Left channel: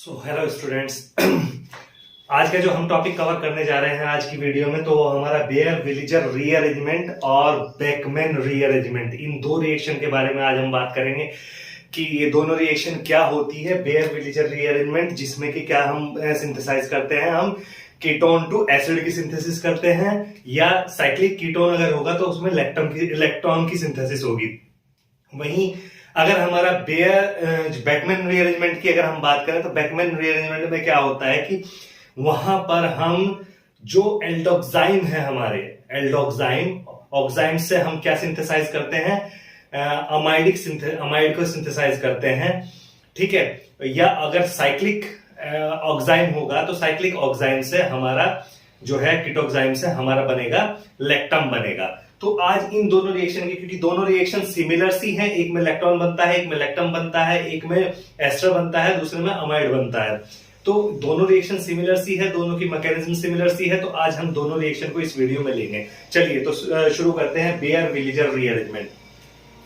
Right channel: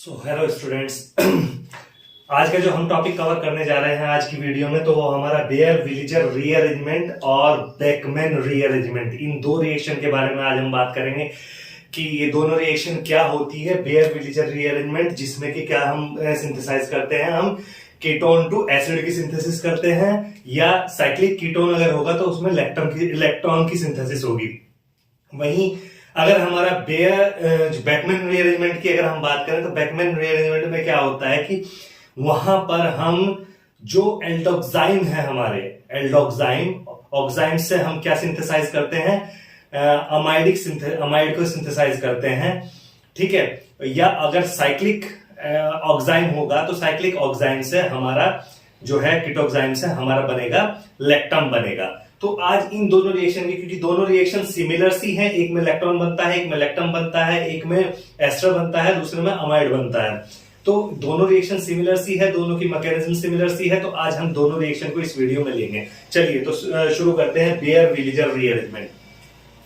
Hello students. आज का जो हम टॉपिक कवर करने जा रहे हैं आज की वीडियो में, तो वो हमारा बेयर विलिजर रीअरेंजमेंट और बेकमैन रीअरेंजमेंट, इन दो रिएक्शन के बारे में आज हम बात करेंगे कि ये दोनों रिएक्शन क्या होती है। बेयर विलिजर रीअरेंजमेंट जिसमें कि क्या हम सिंथेसाइज करते हैं, हम कीटोन टू एसिड की सिंथेसिस करते हैं, या साइक्लिक कीटोन अगर होगा तो उसमें इलेक्ट्रॉन की सिंथेसिस होगी। वहीं अगर हमारा बेकमैन रीअरेंजमेंट की अगर हम बात करें तो बेकमैन रीअरेंजमेंट में क्या होता है कि वहां पर हम जो एल्डोक्साइम है, हमारे ऑक्साइम से हम क्या सिंथेसाइज करते हैं, अमाइड को सिंथेसाइज करते हैं, ठीक है। या अगर साइक्लिक ऑक्साइम होगा तो साइक्लिक ऑक्साइम से हमारा जो है कीटोक्साइम से हमारा बनेगा लेक्टम बनेगा। तो आज इन दोनों रिएक्शन की, क्योंकि दोनों रिएक्शन सिमिलर सी हैं, एक में इलेक्ट्रॉन बनता है, एक में लेक्टम बनता है, एक में एस्टर बनता है, दूसरे में अमाइड बनता है, तो दोनों रिएक्शन सिमिलर सी है, दोनों की मैकेनिज्म सिमिलर सी है। तो आज हम दोनों रिएक्शन को इस वीडियो में लेंगे। चलिए तो शुरू करते हैं बेयर विलिजर रीअरेंजमेंट।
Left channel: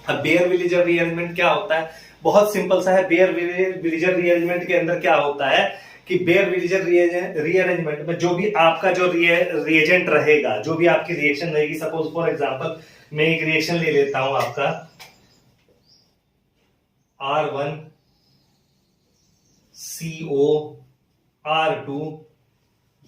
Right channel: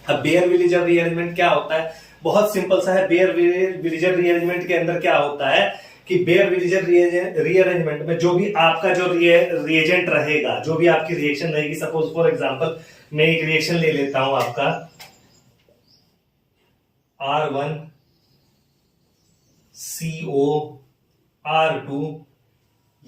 अब बेयर विलिजर रीअरेंजमेंट क्या होता है, बहुत सिंपल सा है। बेयर विलिजर रीअरेंजमेंट के अंदर क्या होता है कि बेयर विलिजर रीअरेंजमेंट में जो भी आपका जो रिएजेंट रहेगा, जो भी आपकी रिएक्शन रहेगी, सपोज फॉर एग्जांपल मैं एक रिएक्शन ले लेता हूं आपका R1CO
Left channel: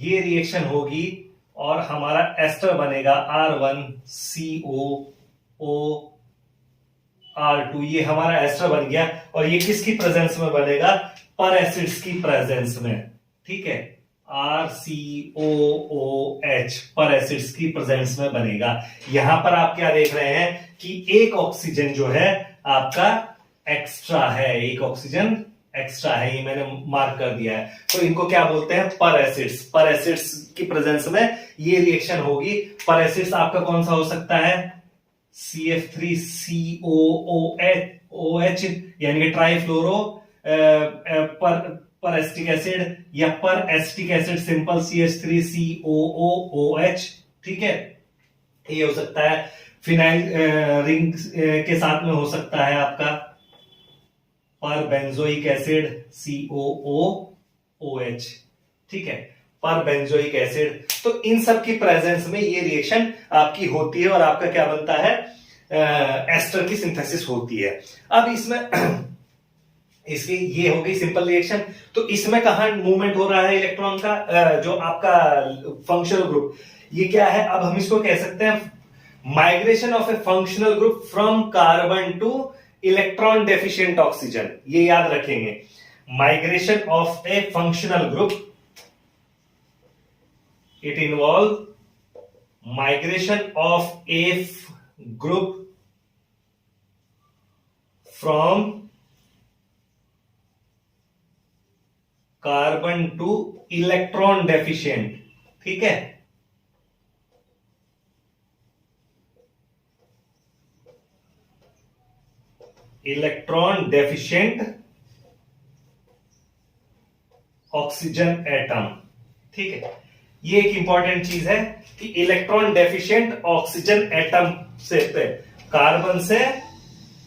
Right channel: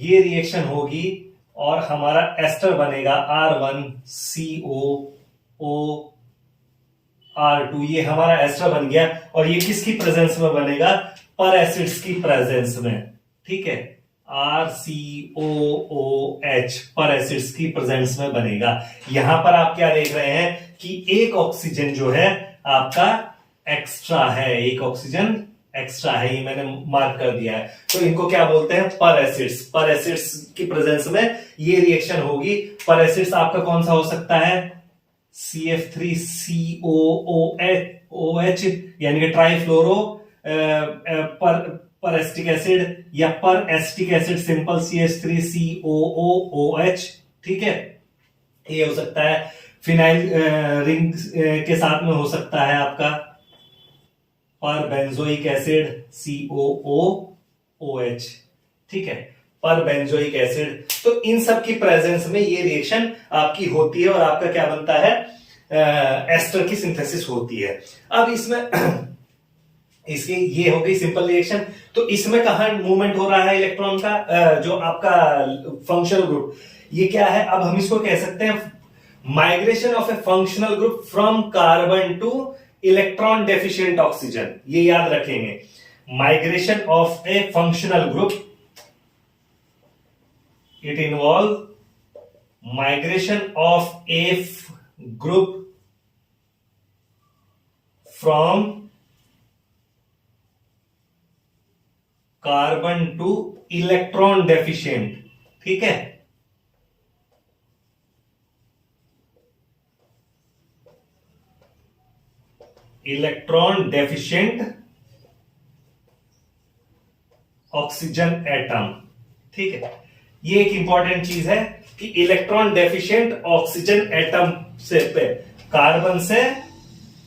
ये रिएक्शन होगी और हमारा एस्टर बनेगा R1COOR2, ये हमारा एस्टर बन गया। और ये किसकी प्रेजेंस में बनेगा, पर एसिड्स की प्रेजेंस में, ठीक है। RCOOH पर एसिड्स की प्रेजेंस में बनेगा। यहां पर आप क्या देख रहे हैं कि एक ऑक्सीजन जो है आपका एक्स्ट्रा है, एक ऑक्सीजन एक्स्ट्रा है, ये मैंने मार्क कर दिया है। तो इनको क्या बोलते हैं, पर एसिड्स की प्रेजेंस में ये रिएक्शन होगी। पर एसिड्स आपका कौन सा हो सकता है, CF3COOH यानी कि ट्राइफ्लोरो पर एस्टिक एसिड, या पर एस्टिक एसिड सिंपल CH3COOH, ठीक है। ये हो सकता है फिनाइल रिंग के साथ में हो सकता है आपका पर बेंजोइक एसिड COOOH, ठीक है, पर बेंजोइक एसिड। तो इन सब की प्रेजेंस में ये रिएक्शन आपकी होती है और आपका क्या बनता है, एस्टर की सिंथेसिस होती है। अब इसमें इसकी ये हो गई सिंपल रिएक्शन। तो इसमें कहां मूवमेंट हो रहा है इलेक्ट्रॉन का, जो आपका फंक्शनल ग्रुप, ये क्या है, अब हम इसको कह सकते हैं migration of A functional group from carbon two electron deficient oxygen. ये याद रखेंगे, migration of A functional group, it involve migration of A group from carbon two electron deficient, ठीक है। इलेक्ट्रॉन डेफिशिएंट ऑक्सीजन एटम, ठीक है। ये एक important चीज है कि इलेक्ट्रॉन डेफिशिएंट ऑक्सीजन एटम से पे कार्बन से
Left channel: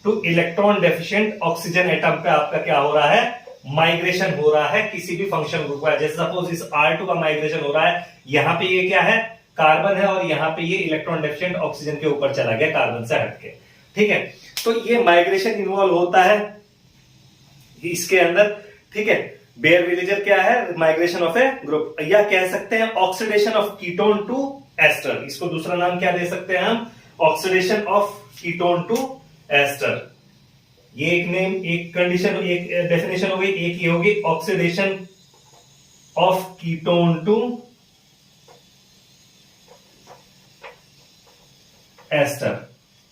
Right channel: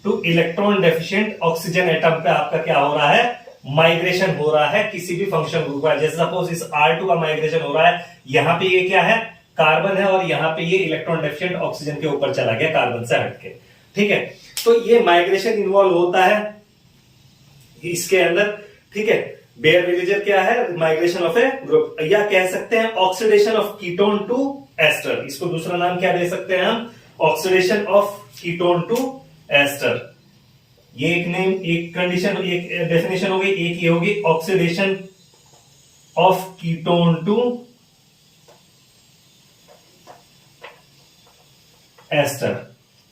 two electron deficient oxygen atom पे आपका क्या हो रहा है, माइग्रेशन हो रहा है किसी भी फंक्शन ग्रुप का। जैसे सपोज इस R2 का माइग्रेशन हो रहा है, यहां पे ये क्या है, कार्बन है, और यहां पे ये इलेक्ट्रॉन डेफिशिएंट ऑक्सीजन के ऊपर चला गया कार्बन से हटके, ठीक है। तो ये माइग्रेशन इन्वॉल्व होता है इसके अंदर, ठीक है। बेयर विलिजर क्या है, माइग्रेशन ऑफ ए ग्रुप, या कह सकते हैं oxidation of ketone to ester. इसको दूसरा नाम क्या दे सकते हैं हम, oxidation of ketone to ester. ये एक नेम, एक कंडीशन, एक डेफिनेशन हो गई। एक ये होगी oxidation of ketone to ester,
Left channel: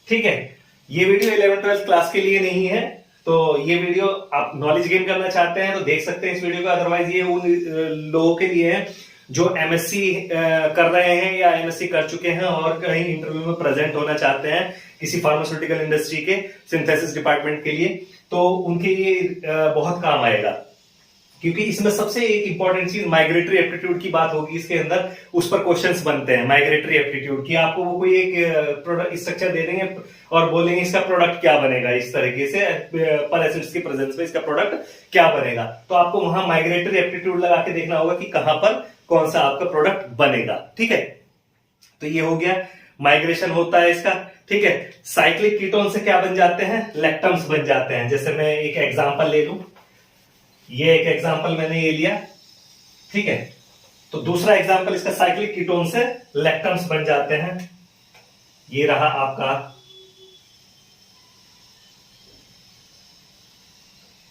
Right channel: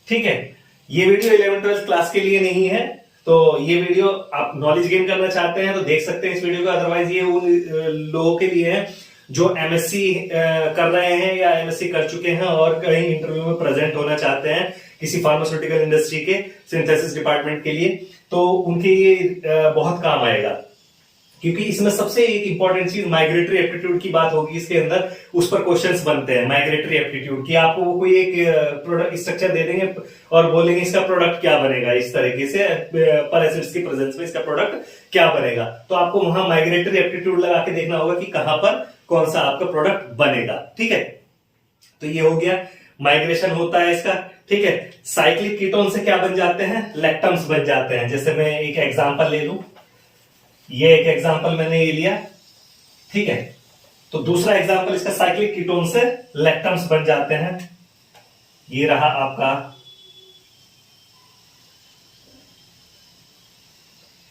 ठीक है। ये वीडियो 11th-12th क्लास के लिए नहीं है, तो ये वीडियो आप नॉलेज गेन करना चाहते हैं तो देख सकते हैं इस वीडियो को। अदरवाइज ये उन लोगों के लिए है जो एमएससी कर रहे हैं या एमएससी कर चुके हैं और कहीं इंटरव्यू में प्रेजेंट होना चाहते हैं किसी फार्मास्यूटिकल इंडस्ट्री के सिंथेसिस डिपार्टमेंट के लिए, तो उनके लिए बहुत काम आएगा। क्योंकि इसमें सबसे एक इंपॉर्टेंट चीज माइग्रेटरी एप्टीट्यूड की बात होगी इसके अंदर, उस पर क्वेश्चंस बनते हैं माइग्रेटरी एप्टीट्यूड की। आपको वो कोई एक प्रोडक्ट स्ट्रक्चर दे देंगे और बोलेंगे इसका प्रोडक्ट क्या बनेगा, इस तरीके से पर एसिड्स की प्रेजेंस में इसका प्रोडक्ट क्या बनेगा, तो आपको वहां माइग्रेटरी एप्टीट्यूड लगा के देखना होगा कि कहां पर कौन सा आपका प्रोडक्ट बनेगा। ठीक है, तो ये हो गया, माइग्रेशन होता है इसका। ठीक है, साइक्लिक कीटोन से क्या बन जाते हैं, लैक्टम्स बन जाते हैं। जैसे मैं एक एग्जांपल ले लूं, ये एक एग्जांपल मैंने ये लिया। ठीक है, तो दूसरा एग्जांपल इसका साइक्लिक कीटोन से लैक्टम्स बन जाते हैं। ये रहा आपका,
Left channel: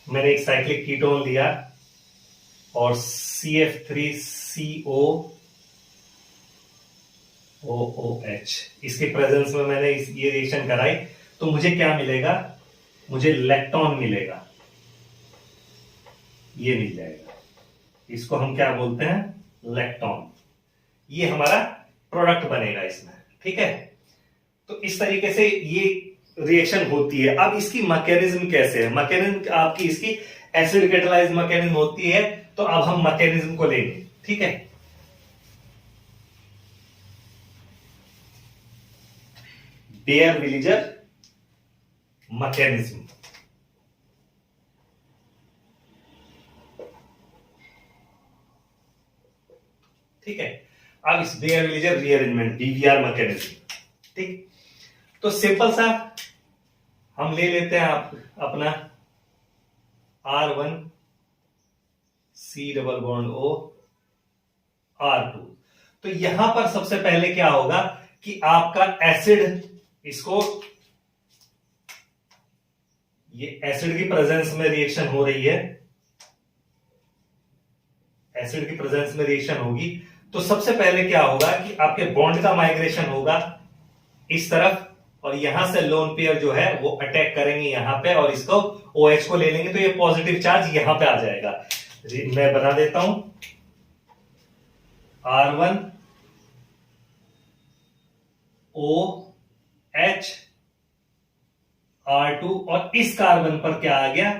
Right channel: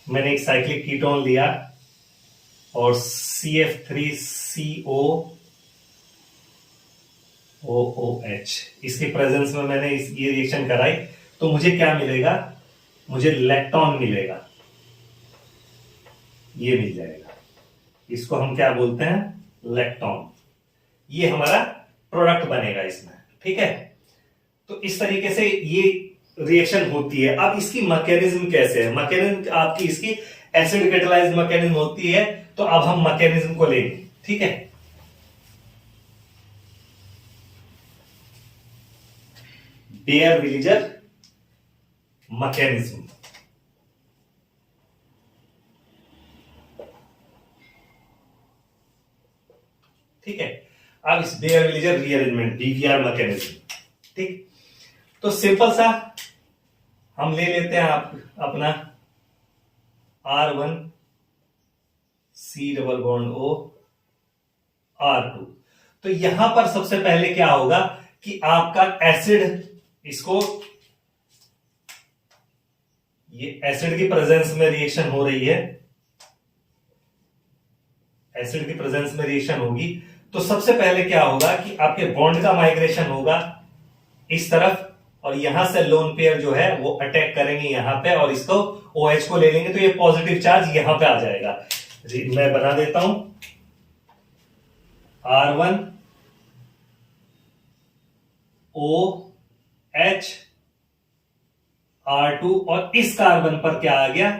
मैंने एक साइक्लिक कीटोन लिया और CF3CO OOH, इसके प्रेजेंस में मैंने ये रिएक्शन कराई, तो मुझे क्या मिलेगा, मुझे लैक्टोन मिलेगा, ये मिल जाएगा। इसको हम क्या बोलते हैं, लैक्टोन। ये हमारा प्रोडक्ट बनेगा इसमें। ठीक है, तो इस तरीके से ये रिएक्शन होती है। अब इसकी मैकेनिज्म कैसे है, मैकेनिज्म आपकी इसकी एसिड कैटालाइज मैकेनिज्म होती है। तो अब हम मैकेनिज्म को लेंगे। ठीक है, बेयर-विलिजर मैकेनिज्म। ठीक है, अब इस बेयर-विलिजर रीअरेंजमेंट BVR मैकेनिज्म। ठीक, तो सिंपल सा हम ले लेते हैं अपना R1 C double bond O R2। तो यहां पर सबसे पहले क्या होगा कि आपका एसिड, इसको ये एसिड की प्रेजेंस में रिएक्शन हो रही है, एसिड की प्रेजेंस में रिएक्शन होगी। तो सबसे पहले क्या होगा कि आपके बॉन्ड का माइग्रेशन होगा इस तरफ, और यहां से लोन पेयर जो है वो अटैक करेंगे यहां पे और इसको OH को ले लेंगे, तो ये पॉजिटिव चार्ज यहां पे आ जाएगा। मैं बना देता हूं, R1 OH R2, और इस कार्बन पर क्या आ गया,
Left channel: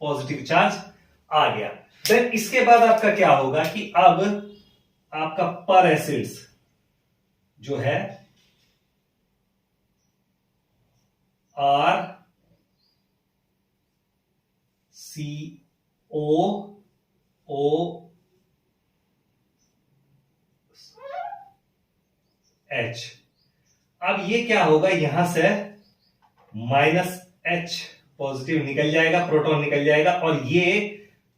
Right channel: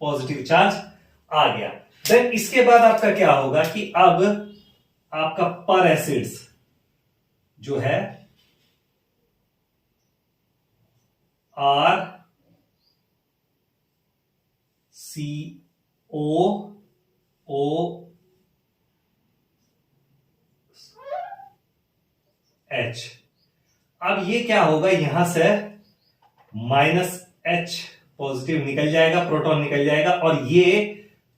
पॉजिटिव चार्ज आ गया। देन इसके बाद आपका क्या होगा कि अब आपका पर एसिड्स जो है RCOOH, अब ये क्या होगा, यहां से -H पॉजिटिव निकल जाएगा, प्रोटॉन निकल जाएगा, और ये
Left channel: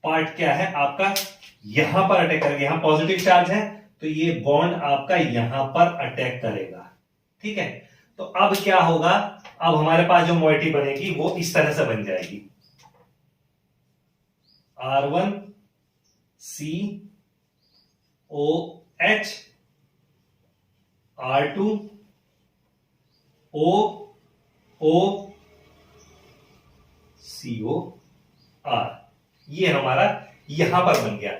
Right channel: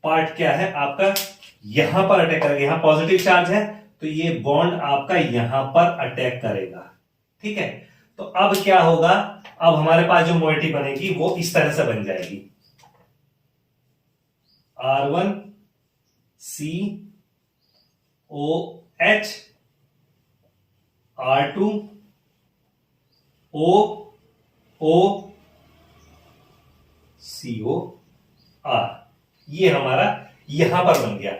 पार्ट क्या है आपका, यहां पर अटैक करेगा। यहां पॉजिटिव चार्ज है तो ये बॉन्ड आपका यहां पर अटैक करेगा। ठीक है, तो अब क्या होगा, अब हमारे पास जो मोइटी बनेगी वो इस तरह से बन जाएगी, R1 COH R2 OOCOR, ये हमारा यहां पर बन गया।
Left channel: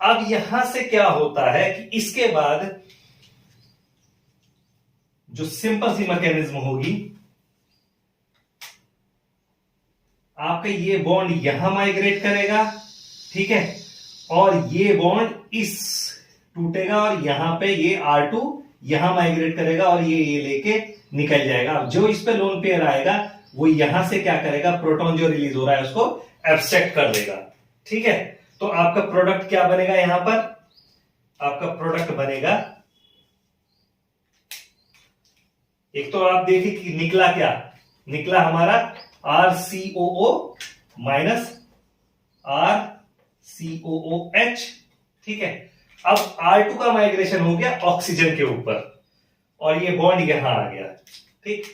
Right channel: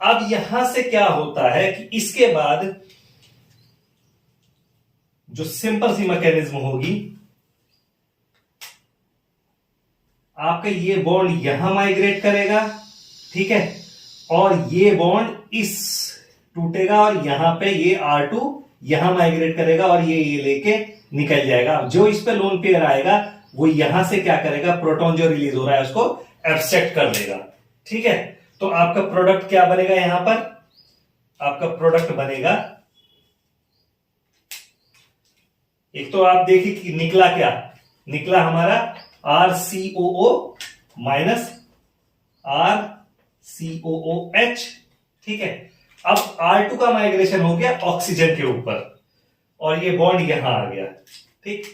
अब यहां से क्या होता है कि इसके बाद जो सिंपल सी मैकेनिज्म होगी, आपका ये बॉन्ड यहां माइग्रेट करेगा। ठीक है, और ये बॉन्ड इस टूटेगा और यहां पे ये R2 यहां माइग्रेट करेगा और ये लेके निकल जाएगा। जो इस पे लोन पेयर आएगा वो यहां से क्या करेगा, प्रोटॉन जो रिलीज हो रहा है उसको एब्स्ट्रैक्ट कर देगा। ठीक है, तो आपका प्रोडक्ट क्या बनेगा, यहां पर आपका प्रोडक्ट बनेगा, एक तो आप देखिए कि निकला क्या, निकला हमारा RCOO माइनस RCOOH। ठीक है, अब R2 का माइग्रेशन हो गया ऑक्सीजन के ऊपर और ये बॉन्ड यहां आ गया। ठीक,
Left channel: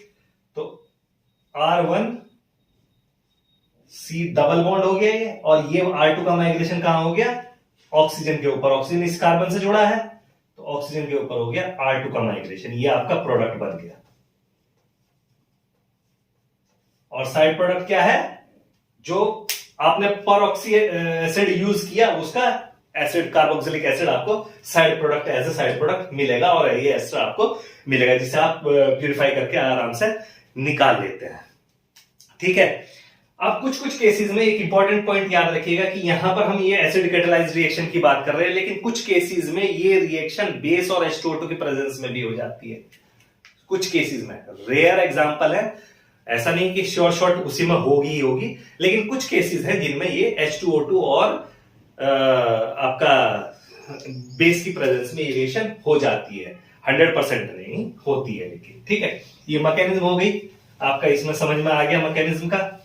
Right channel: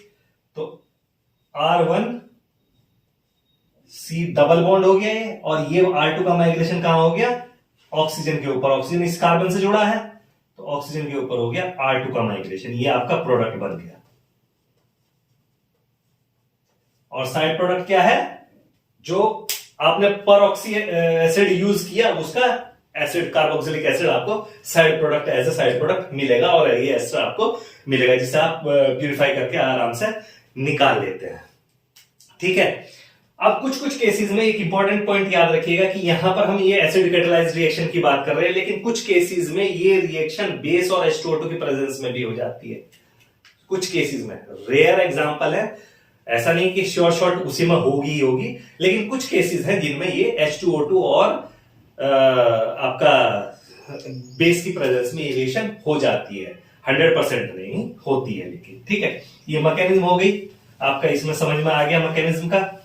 तो R1 C डबल बॉन्ड हो गया ये, और ये R2 का माइग्रेशन कहां हो गया, ऑक्सीजन के ऊपर। ऑक्सीजन इस कार्बन से जुड़ा है तो ऑक्सीजन के ऊपर हो गया R2 का माइग्रेशन, ये आपका प्रोडक्ट बन गया। और साइड प्रोडक्ट क्या है, जो आपने परऑक्सी एसिड यूज किया उसका एसिड, कार्बोक्सिलिक एसिड आपको side product, as a side product मिलेगा, और ये एस्टर आपको मिलेगा जिसे आप प्यूरिफाई करके आराम से निकाल लेते हैं। ठीक है, अब कुछ कुछ केसेस में एक इंपॉर्टेंट पॉइंट याद रखिएगा कि यहां पर हम ये एसिड कैटालाइज्ड रिएक्शन की बात कर रहे हैं, लेकिन कुछ केसेस में ये रिएक्शन बेस और H2O2 की प्रेजेंस में भी हो जाती है। कुछ केसेस में रेयर एग्जांपल है, ऐसा नहीं कि श्योर शॉर्ट उसी में होगी ही होगी, लेकिन कुछ केसेस हैं जिनमें ये H2O2 और आपका बेस की प्रेजेंस में रिएक्शन हो जाती है। 100% नहीं होती है, लेकिन ठीक है। ये मैकेनिज्म हो गई आपका, इसमें समझ में आ गया मैकेनिज्म का।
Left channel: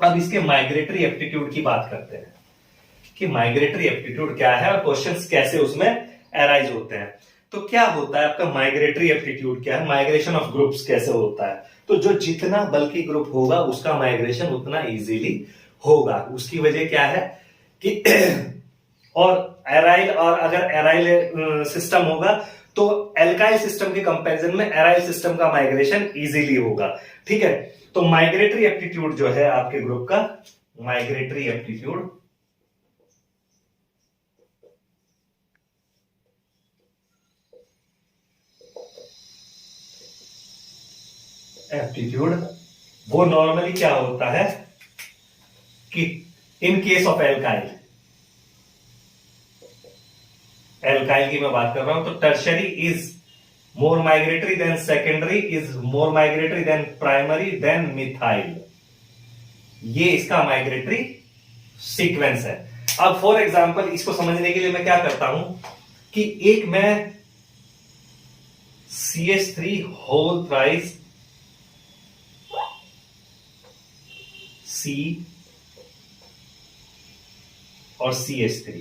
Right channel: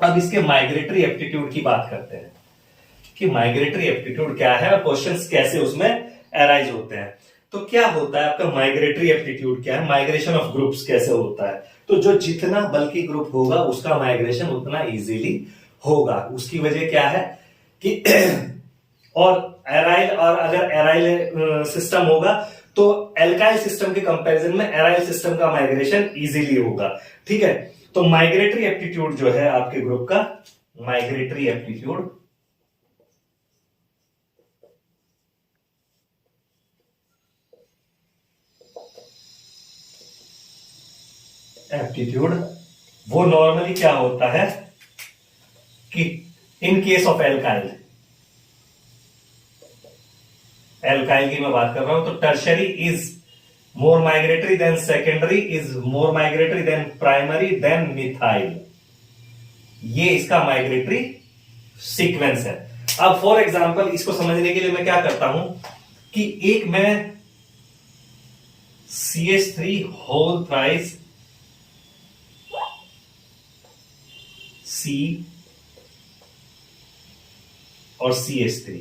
अब इसके माइग्रेटरी एप्टीट्यूड की बात करते हैं कि माइग्रेटरी एप्टीट्यूड क्या है और क्वेश्चंस कैसे उसमें अराइज होते हैं। तो क्या होता है आपका माइग्रेटरी एप्टीट्यूड क्या है, माइग्रेशन ऑफ ग्रुप्स कैसे होता है। तो जो जितना बल्की ग्रुप होगा उसका माइग्रेशन उतना इजीली होगा। उसकी वजह क्या है कि और एराइल, और अगर एराइल सिस्टम होगा तो एल्काइल सिस्टम के कंपैरिजन में एराइल सिस्टम का माइग्रेशन इजीली होगा, ठीक है। तो माइग्रेटरी एप्टीट्यूड जो है आपके ग्रुप का, माइग्रेटरी एप्टीट्यूड वो नॉर्मली क्या होता है कि इन केस ऑफ एल्काइल की मैं बात कर रहा हूं, तो tertiary is more migratory than secondary, is more migratory than primary than methyl. ये इसका माइग्रेटरी सीक्वेंस है। अब फॉर एग्जांपल इसको समझने के लिए मैं क्या करता हूं कि एक मैं CH3 होल थ्राइस C और CH3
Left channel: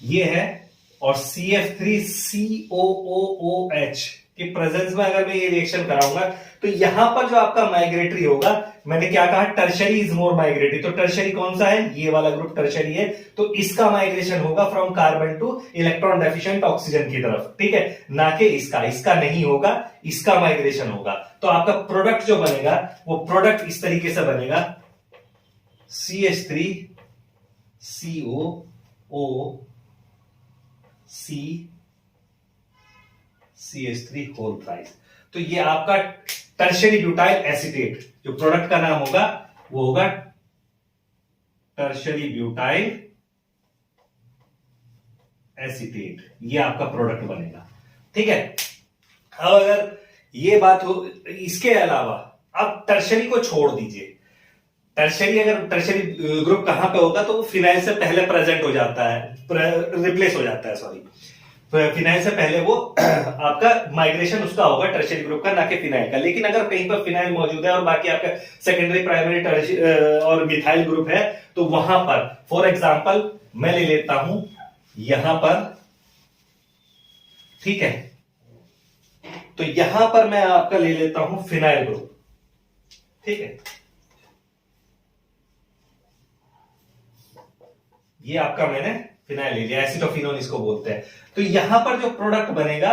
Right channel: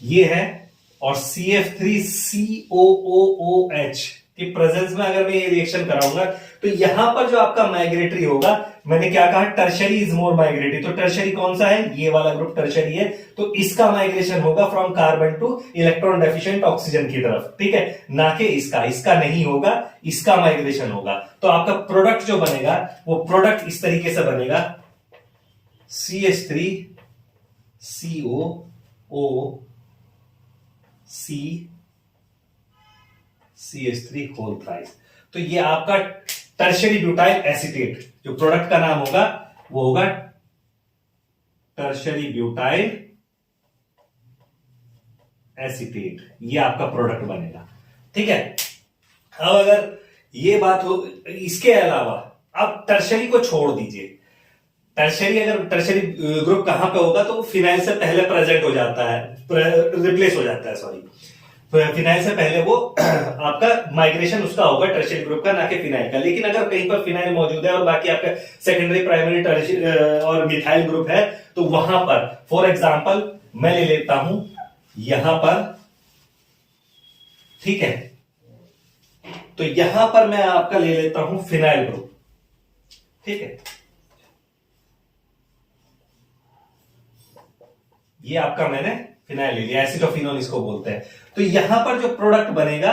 ये है, और CF3COOH की प्रेजेंस में अगर मैं ये रिएक्शन कराऊंगा तो यहां पर जो आपका माइग्रेटरी होगा, मैंने क्या कहा, टर्शरी इज मोर माइग्रेटरी। तो टर्शरी कौन सा है, ये वाला ग्रुप टर्शरी है, तो इसका माइग्रेशन होगा from carbon two electron deficient oxygen की तरफ, ठीक है, ना कि इसका नहीं होगा, इसका माइग्रेशन होगा। तो आपका प्रोडक्ट जो बनेगा वो प्रोडक्ट इस तरीके से बनेगा, CH3COOCH3 होल थ्राइस। तो ये आपका टर्शरी ब्यूटाइल एसीटेट, जो प्रोडक्ट का नाम होगा वो होगा टर्शरी ब्यूटाइल एसीटेट। ये आपका प्रोडक्ट बनेगा, ठीक है। अब अगर ये बात हो, इसके अलावा अब टर्शरी को छोड़ दीजिए, टर्शरी अगर टर्शरी ग्रुप कहां पे होगा तो वो फिनाइल से पहले प्रेजेंट हो जाता है, रिप्लेस हो जाता है, सॉरी, फिनाइल से पहले वो आपका माइग्रेशन उसका होगा टर्शरी ग्रुप का, ना कि फिनाइल का। लेकिन अगर कहीं पर फिनाइल मौजूद है और बाकी आपका सेकेंडरी, प्राइमरी, टर्शरी और मिथाइल ग्रुप है, तो वहां पर फॉर एग्जांपल मैं ले लेता हूं यहां पर, ठीक है, तो यहां पर मैं आपका ले लेता हूं फिनाइल ग्रुप, ठीक है। ये आपका मैंने फिनाइल ले लिया, एसिटोफिनोन इसको बोलते हैं। तो यहां पर जो प्रोडक्ट बनेगा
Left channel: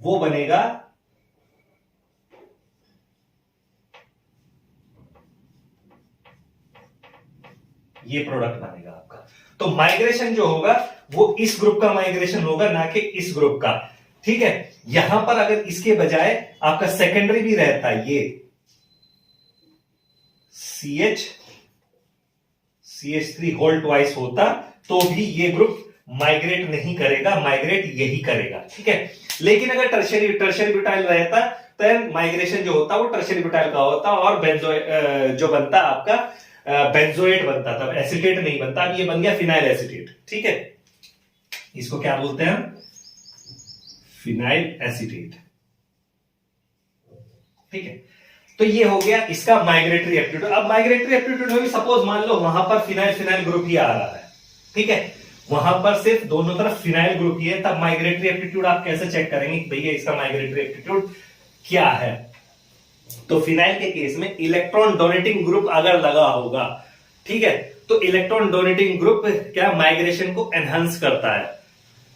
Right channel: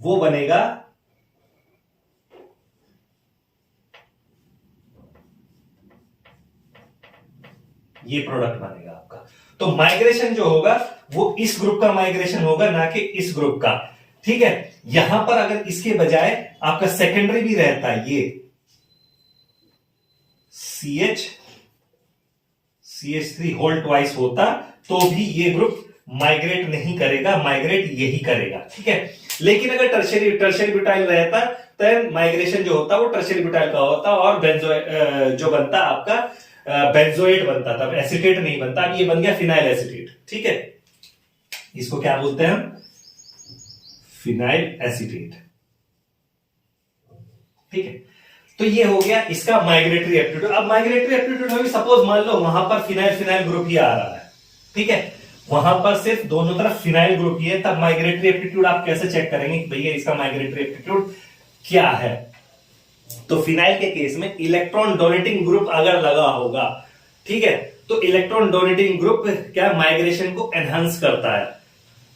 वो बनेगा ये प्रोडक्ट बनेगा आपका। तो माइग्रेशन जो होगा वो इस ग्रुप का माइग्रेशन होगा, ना कि इस ग्रुप का, ठीक है। यहां पर अगर इसके बजाय आपका सेकेंडरी भी रहता है, ये CH3 होल ट्वाइस होता, तो भी ये ग्रुप माइग्रेट नहीं करेगा, माइग्रेट यही करेगा, ठीक है। लेकिन अगर टर्शरी ब्यूटाइल रहता तो माइग्रेशन जो होता वो टर्शरी ब्यूटाइल का होता, और जो बनता आपका बेंजोएट बनता, तब एसीटेट नहीं बनता। अब ये बन गया फिनाइल एसीटेट, ठीक है। इसको क्या बोलते हैं हम, फिनाइल एसीटेट, ठीक है। तो ये हो गया इसका माइग्रेटरी एप्टीट्यूड। अब माइग्रेटरी एप्टीट्यूड में भी सपोज मान लो वहां पर फिनाइल ग्रुप ही आ रहा है, ठीक है, वहां पर सिर्फ दोनों तरफ फिनाइल ग्रुप ही है, तब माइग्रेटरी एप्टीट्यूड आप कैसे चेक करेंगे कि भैया इसका माइग्रेटरी एप्टीट्यूड क्या है। तो फिनाइल के केस में इलेक्ट्रॉन डोनेटिंग ग्रुप अगर लगा होगा, ठीक है, तो इलेक्ट्रॉन डोनेटिंग ग्रुप क्या माइग्रेशन को एनहांस करता है,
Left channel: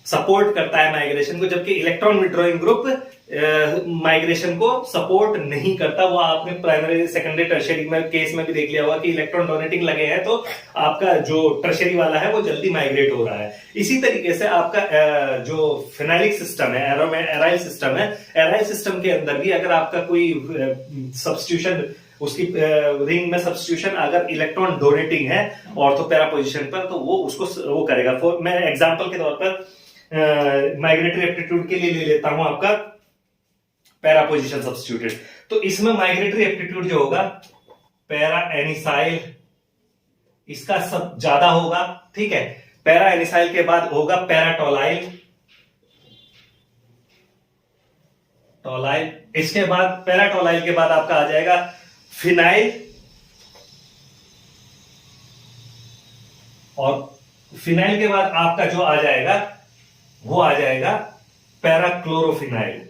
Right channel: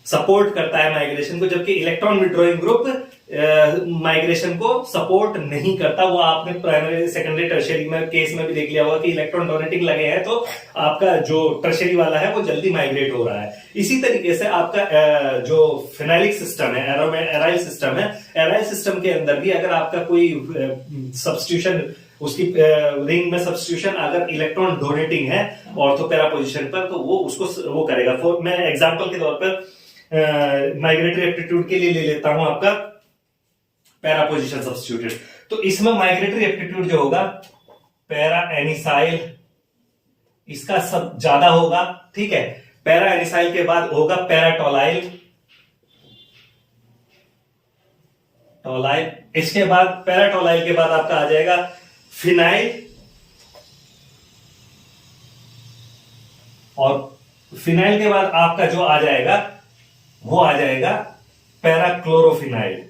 सपोर्ट करता है माइग्रेशन को, जबकि इलेक्ट्रॉन विड्रॉइंग ग्रुप माइग्रेशन को सपोर्ट नहीं करता। वो आपने प्राइमरी, सेकेंडरी, टर्शरी में केस में भी देख लिया होगा कि इलेक्ट्रॉन डोनेटिंग लगे हैं तो आपका जो टर्शरी वाला है वो जल्दी माइग्रेट हो रहा है। इसी तरीके से आपका जो फिनाइलिक सिस्टम है, एराइल सिस्टम है, एराइल सिस्टम के अंदर भी अगर आपका कोई सब्स्टिट्यूशन उसकी रिंग में सब्स्टिट्यूशन अगर इलेक्ट्रॉन डोनेटिंग है ऑर्थो पैरा पोजीशन पर, तो वो उसको वो करेगा। मैं एग्जांपल के तौर पर माइग्रेटरी एप्टीट्यूड के लिए ले लेता हूं आपका पैरा पोजीशन सब्स्टिट्यूटेड। तो इसमें माइग्रेटरी एप्टीट्यूड जो होगा पैरा एनिसाइल, इसका सब ज्यादा होगा, ठीक है। पैरा एनिसाइल के बाद होगा पैराटोलाइल, टोलाइल, इसके बाद पैराटोलाइल के बाद आपका आ जाएगा फिनाइल, और फिनाइल के बाद आपका जो आ जाएगा वो आ जाएगा पैराक्लोरोफिनाइल,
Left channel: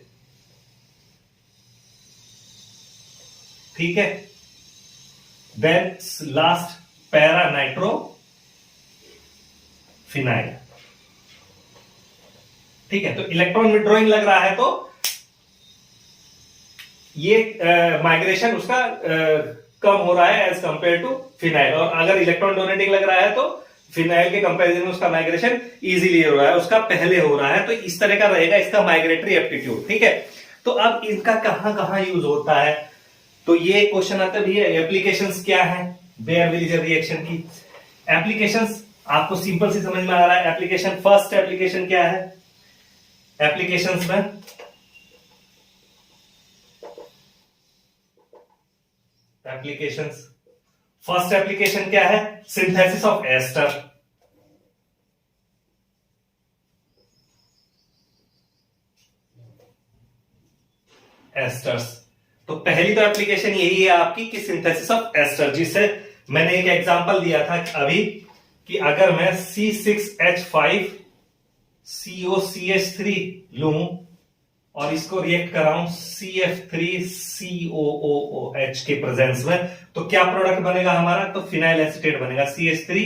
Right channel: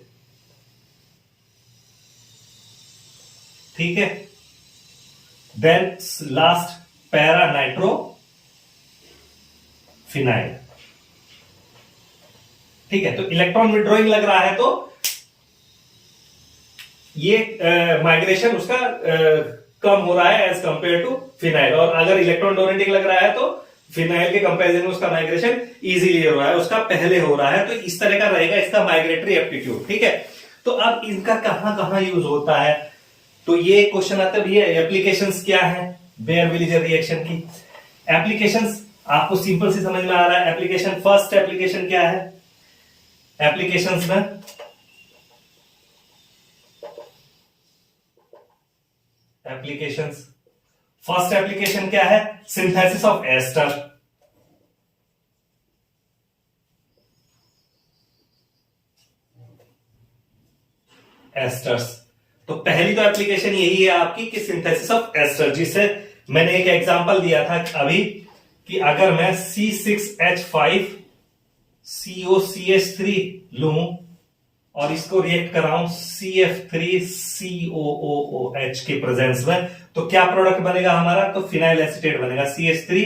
ठीक है। Then last para nitro phenyl, ठीक है। तो इलेक्ट्रॉन विड्रॉइंग लग रहा है तो ये माइग्रेशन उसका कम हो रहा है एज कंपेयर टू फिनाइल, और अगर इलेक्ट्रॉन डोनेटिंग लग रहा है तो फिनाइल के कंपैरिजन में उसका माइग्रेशन इजीली हो रहा है, उसका पहले हो रहा है। तो इस तरह का रहेगा इसका माइग्रेटरी एप्टीट्यूड, ठीक है। तो अब इनका कहां कहां यूज होता है, तो ये क्वेश्चन आता है, ये एप्लीकेशंस क्या है बेयर विलिजर रिएक्शन की। एप्लीकेशंस आपको सिंपल सी समझ में आ रहा है। एप्लीकेशन, फर्स्ट एप्लीकेशन क्या है एप्लीकेशंस में, एप्लीकेशंस, फर्स्ट एप्लीकेशन क्या है, सिंथेसिस ऑफ एस्टर, एस्टर्स। तो पहली तो एप्लीकेशन यही है आपकी कि सिंथेसिस ऑफ एस्टर, जिससे मैंने एक एग्जांपल दिया था अभी कि अगर मैं C6H5 COCH3 लूं और इसको रिएक्ट कराऊं CF3 COOH के प्रेजेंस में, तो क्या प्रोडक्ट बनेगा हमारा, तो फिनाइल एसीटेट बनेगा CH3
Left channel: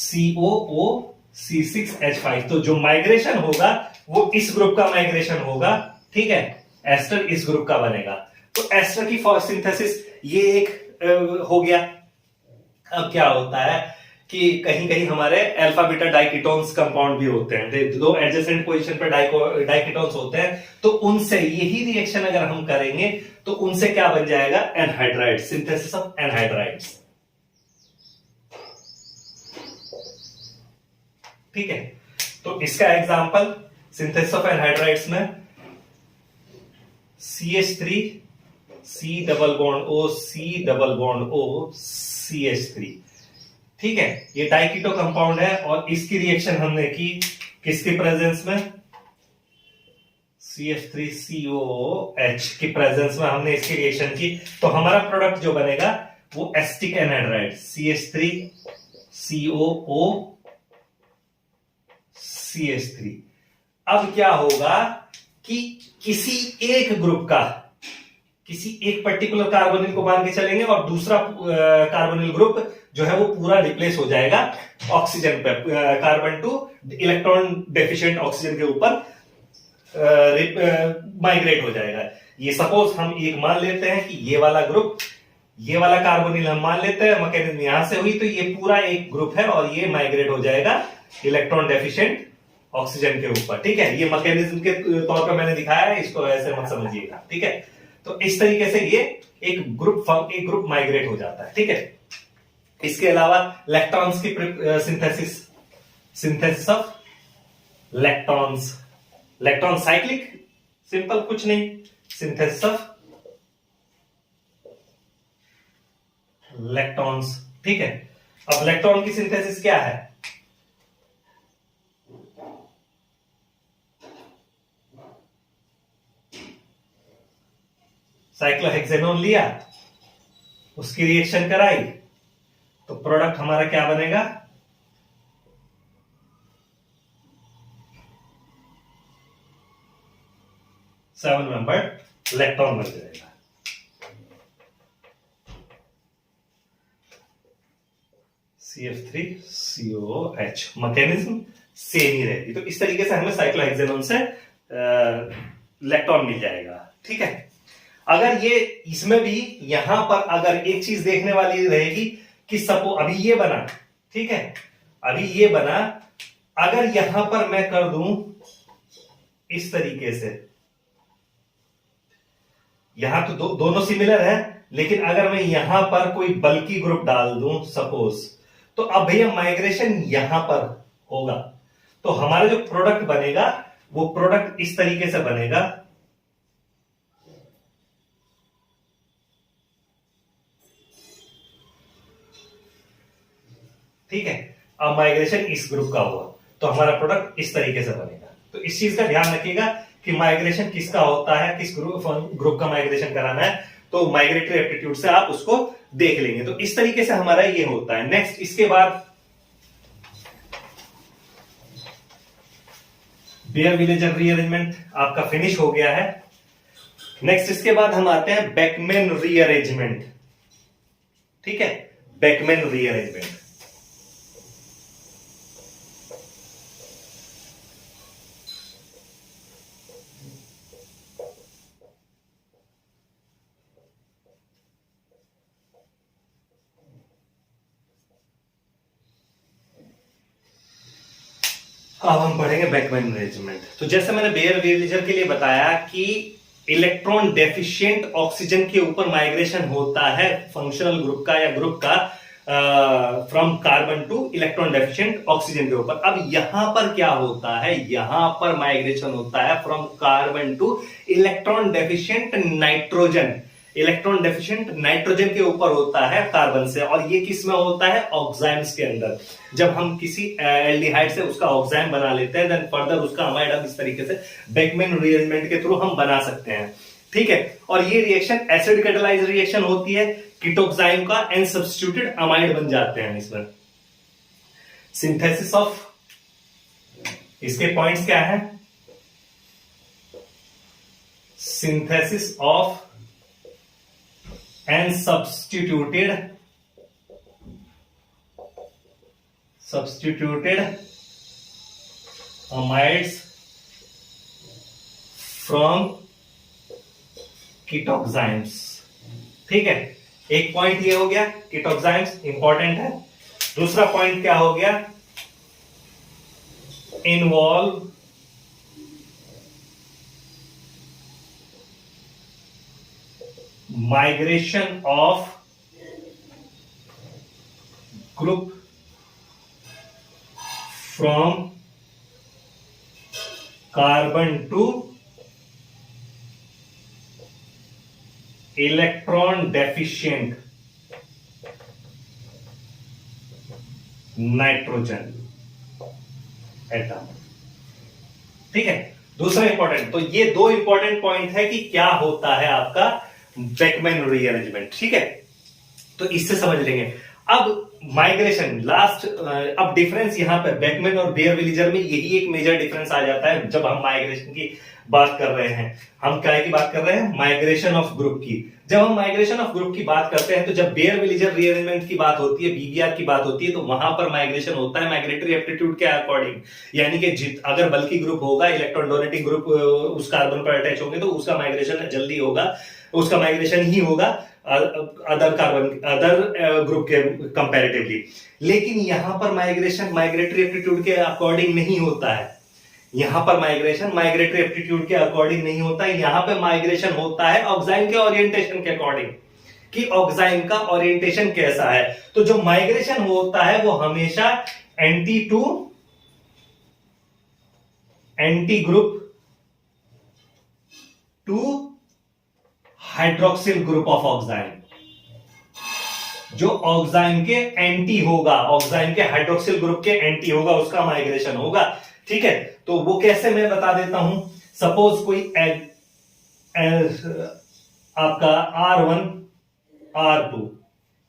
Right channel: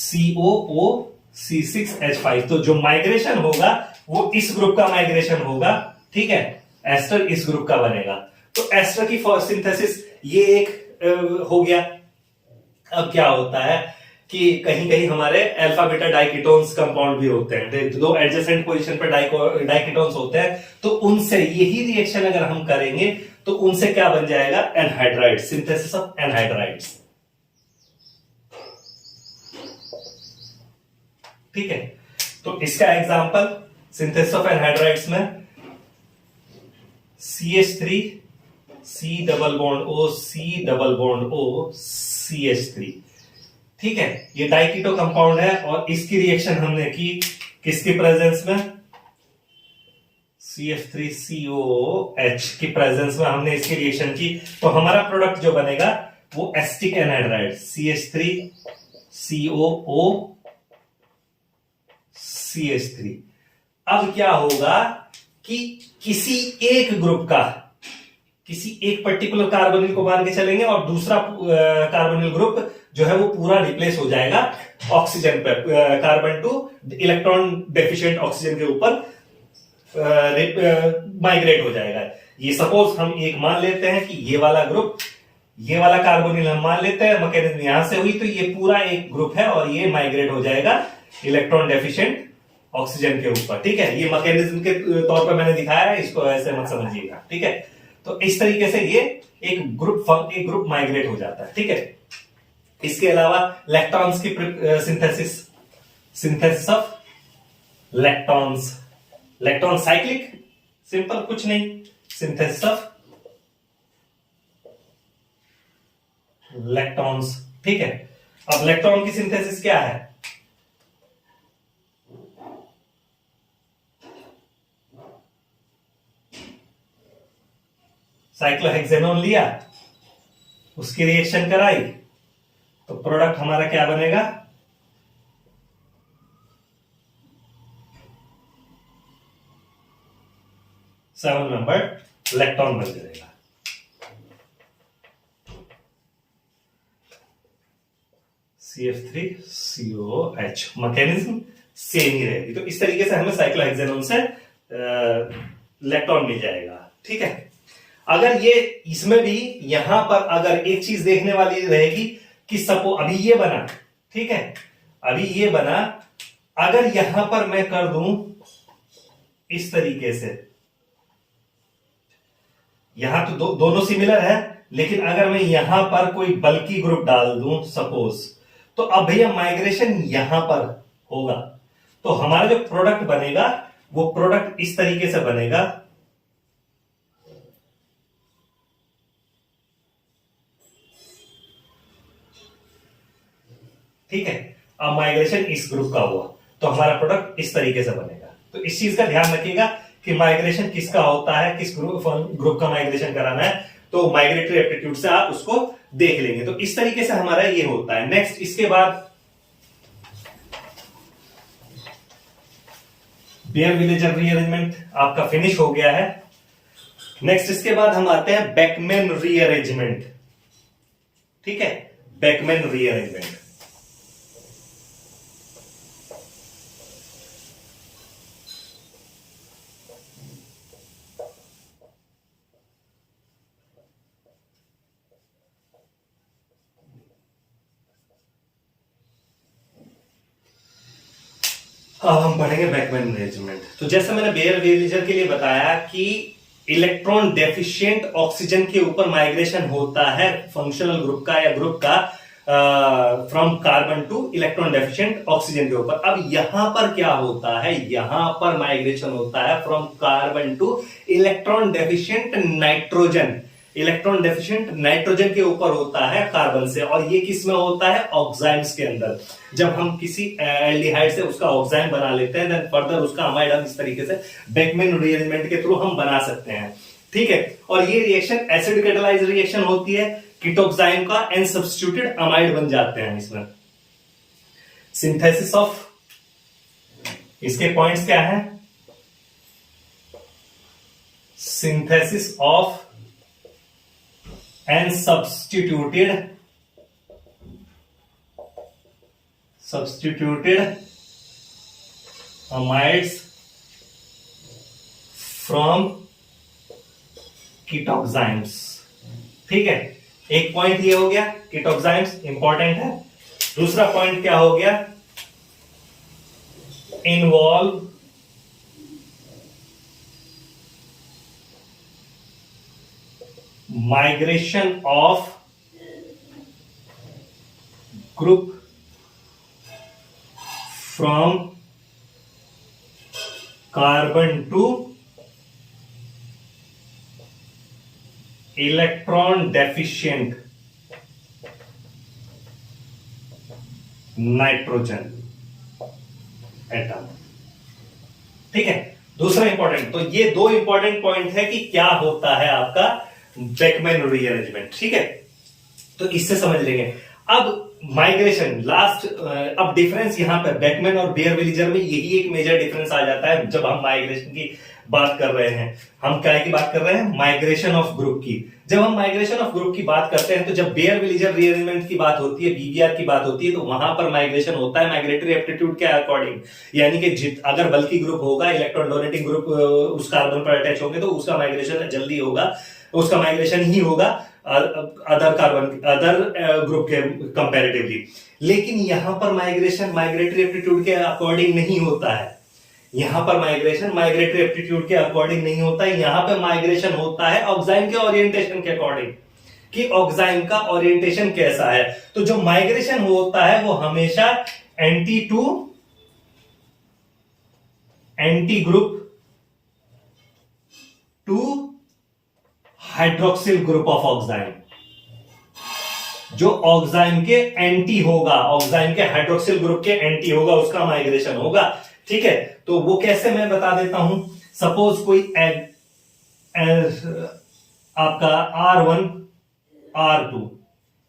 COO C6H5। तो जो माइग्रेशन होगा वो इस ग्रुप का माइग्रेशन होगा, ठीक है। एस्टर इस ग्रुप का बनेगा। तो एस्टर की सिंथेसिस ये एक हो गया। अब क्या होता है कि कहीं कहीं हमारे अल्फा बीटा डाइकीटोन्स कंपाउंड भी होते हैं, दो एडजेसेंट पोजीशन पर डाइकीटोन्स होते हैं, तो उनसे यही रिएक्शन अगर हम करेंगे तो उनसे क्या बन जाएगा, एनहाइड्राइड, सिंथेसिस ऑफ एनहाइड्राइड्स, ठीक है। तो इसका एग्जांपल सिंथेसिस ऑफ एनहाइड्राइड्स में CH3 C double bond O C double bond O CH3, ठीक है। ये डाइकीटो कंपाउंड है और इसकी रिएक्शन हमने की किसकी प्रेजेंस में, CF3COOH की प्रेजेंस में हमने इसकी रिएक्शन की। तो हमारा प्रोडक्ट जो बनेगा वो एस्टिक एनहाइड्राइड CH3COO CH3। अब क्या होगा कि किसी एक ग्रुप का, किसी एक पर्टिकुलर कार्बोनिल को मान के चलेंगे और दूसरा कार्बोनिल ग्रुप जो है वो पूरा रिप्लेस हो जाएगा ऑक्सीजन पर, carbon two electron deficient oxygen के ऊपर माइग्रेट हो जाएगा। ये सपोज हम एक मान लेते हैं कि ये वाला ग्रुप, ये वाला कार्बोनिल हम मान लेते हैं, मैकेनिज्म यहां से हुई, तो ये पूरा एक ग्रुप है और ये माइग्रेट हो जाएगा इलेक्ट्रॉन डेफिशिएंट ऑक्सीजन के ऊपर, ठीक है। ये मैकेनिज्म के तौर पर मैंने दिखाया है, इसको ऐसे मत समझिएगा, ठीक है। तो इस तरीके से ये एक ग्रुप माइग्रेट हो जाता है, ठीक है। इसके अलावा लैक्टॉन्स की सिंथेसिस ऑफ लैक्टॉन्स, लैक्टॉन साइक्लिक, सिंपल कुछ नहीं, सिंथेसिस ऑफ लैक्टॉन्स, ठीक है। अब लैक्टॉन की सिंथेसिस क्या है, साइक्लोहेक्सेनोन लिया, उसकी रिएक्शन कराई, तो प्रोडक्ट हमारा क्या बनेगा, सेवन नंबर लैक्टोन बन जाएगा। CF3COOH, मैकेनिज्म सेम ही रहेगी। तो इस तरीके से हमें साइक्लोहेक्सेनोन से लैक्टोन मिल जाएगा, ठीक है। अगर ये इसमें भी यहां पर अगर एक चीज देखने वाली रहेगी कि सपो अभी ये बना, ठीक है, अभी ये बना, अगर यहां पर मैं कर दूं इस तरीके से, यहां तो दोनों सिमिलर है, लेकिन अगर मैं यहां पर कोई बल्की ग्रुप डाल दूं सपोज, तो अब भैया माइग्रेशन यहां पर होगा, तो हमारा जो प्रोडक्ट बनेगा वो प्रोडक्ट इस तरीके से बनेगा। ठीक है, अब माइग्रेशन इस ग्रुप का हुआ तो हमारा प्रोडक्ट इस तरीके से बनेगा। तो इस चीज का ध्यान रखिएगा कि माइग्रेशन किसका होता है, किस ग्रुप का माइग्रेशन कराना है, तो माइग्रेटरी एप्टीट्यूड से आप उसको देख लेंगे। तो इस तरीके से हमारा ये होता है। नेक्स्ट इसके बाद बेयर विलेजर रीअरेंजमेंट आपका फिनिश हो गया है। नेक्स्ट इसके बाद हम आते हैं बेकमैन रीअरेंजमेंट। ठीक है, बेकमैन रीअरेंजमेंट। अब हम पढ़ेंगे बेकमैन रीअरेंजमेंट। तो जैसे मैंने बेयर विलेजर के लिए बताया कि इलेक्ट्रॉन डेफिशिएंट ऑक्सीजन के ऊपर माइग्रेशन होता है फंक्शनल ग्रुप का या ग्रुप का from carbon two electron deficient oxygen के ऊपर। अब यहां पर क्या होता है, यहां पर माइग्रेशन होता है from carbon two electron deficient nitrogen. Electron deficient nitrogen के ऊपर होता है कार्बन से, और ये किस में होता है, ऑक्साइम्स के अंदर। जब हम किसी एल्डिहाइड से उसका ऑक्साइम बना लेते हैं, देन फर्दर उसका अमाइड हम इस तरीके से बेकमैन रीअरेंजमेंट के थ्रू हम बना सकते हैं। ठीक है, और ये रिएक्शन एसिड कैटालाइज रिएक्शन होती है, कीटोक्साइम का एन सब्स्टिट्यूटेड अमाइड बन जाते हैं इसमें। सिंथेसिस ऑफ, इसके पॉइंट्स क्या है, synthesis of and substituted amides from कीटोक्साइम्स। ठीक है, एक पॉइंट ये हो गया, कीटोक्साइम्स इंपॉर्टेंट है। दूसरा पॉइंट क्या हो गया, involve migration of group from carbon to electron deficient nitrogen atom. ठीक है, दूसरा इंपॉर्टेंट, तो ये दो इंपॉर्टेंट पॉइंट है कि क्या होता है आपका बेकमैन रीअरेंजमेंट। ठीक है, तो इससे समझ लेंगे। अब माइग्रेशन लास्ट, अब डिफरेंस यहां पे बेकमैन और बेयर विलेजर में यही एक मेजर डिफरेंस आ जाता है जब हम माइग्रेशन की बात कर रहे हैं। हम क्या की बात कर रहे हैं, माइग्रेशन ऑफ ग्रुप की। जब हम माइग्रेशन ऑफ ग्रुप की बात करते हैं, तो जब बेयर विलेजर रीअरेंजमेंट की बात होती है, बीबीआर की बात होती है, तो वहां पर माइग्रेशन होता है माइग्रेटरी एप्टीट्यूड के अकॉर्डिंग। यानी कि अगर बल्की ग्रुप होगा, इलेक्ट्रॉन डोनेटिंग ग्रुप उस कार्बन पर अटैच होंगे, तो उसका माइग्रेशन जल्दी होगा, उसका माइग्रेशन ही होगा अदर ग्रुप के कंपैरेटिवली। लेकिन यहां पर माइग्रेशन माइग्रेटरी एप्टीट्यूड के अकॉर्डिंग नहीं होता है। यहां पर माइग्रेशन माइग्रेटरी एप्टीट्यूड के अकॉर्डिंग नहीं होता है, यहां पर माइग्रेशन होता है ऑक्साइम के ओरिएंटेशन के अकॉर्डिंग, कि ऑक्साइम का ओरिएंटेशन कैसा है। तो जो माइग्रेशन होता है वो हमेशा anti to anti group to hydroxyl group of oxime. जो ऑक्साइम के एंटी होगा, ऑक्साइम के हाइड्रोक्सिल ग्रुप के एंटी होगा, उसका माइग्रेशन होगा। ठीक है, तो वो कैसे मैं बता देता हूं। सपोज कोई आपका R1 R2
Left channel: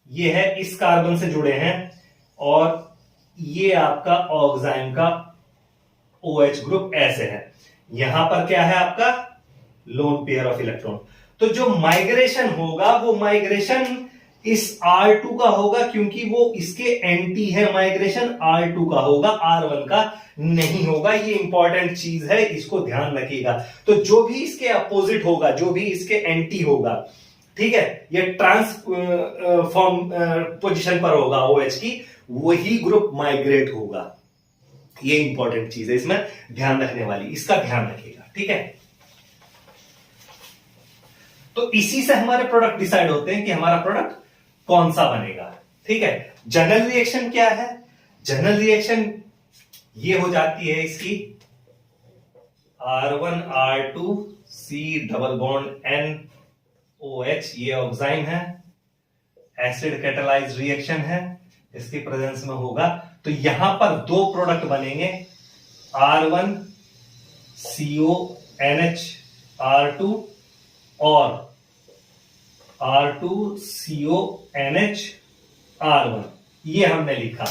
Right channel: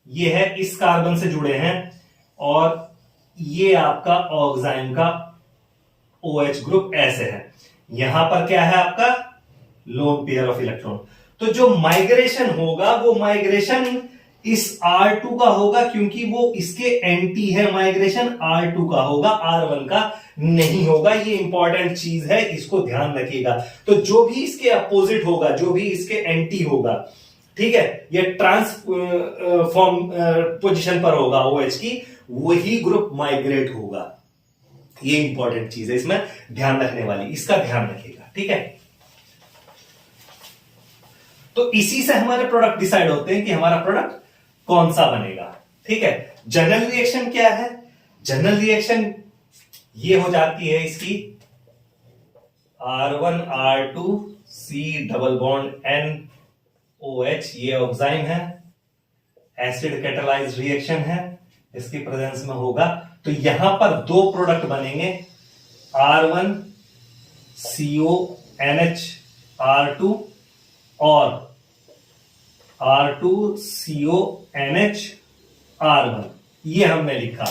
ये है, इस कार्बन से जुड़े हैं, और ये आपका ऑक्साइम का OH ग्रुप ऐसे है। यहां पर क्या है आपका लोन पेयर ऑफ इलेक्ट्रॉन। तो जो माइग्रेशन होगा वो माइग्रेशन इस R2 का होगा, क्योंकि वो इसके एंटी है। माइग्रेशन R2 का होगा, R1 का नहीं होगा। ये इंपॉर्टेंट चीज है, इसको ध्यान रखिएगा। तो जो भी इसके अपोजिट होगा, जो भी इसके एंटी होगा, ठीक है, ये ट्रांसफॉर्म पोजीशन पर होगा OH की, वही ग्रुप माइग्रेट होगा। ये इंपॉर्टेंट चीज है, इसमें ध्यान रखने वाली, इसका ध्यान रखिएगा। ठीक है, तो इसी से हमारे प्रोडक्ट डिसाइड होते हैं कि हमारा प्रोडक्ट कौन सा बनेगा। ठीक है, जनरल रिएक्शन क्या है? जनरल रिएक्शन ये हो जाती है इसकी R1R2C डबल बॉन्ड NOH, ये ऑक्साइन है, एसिड कैटालाइज्ड रिएक्शन है, इसकी प्रेजेंस में होगा। तो यहां पर दो प्रोडक्ट बनेंगे, R1CONHR2 और R2CONHR1, ये हमने लिखा।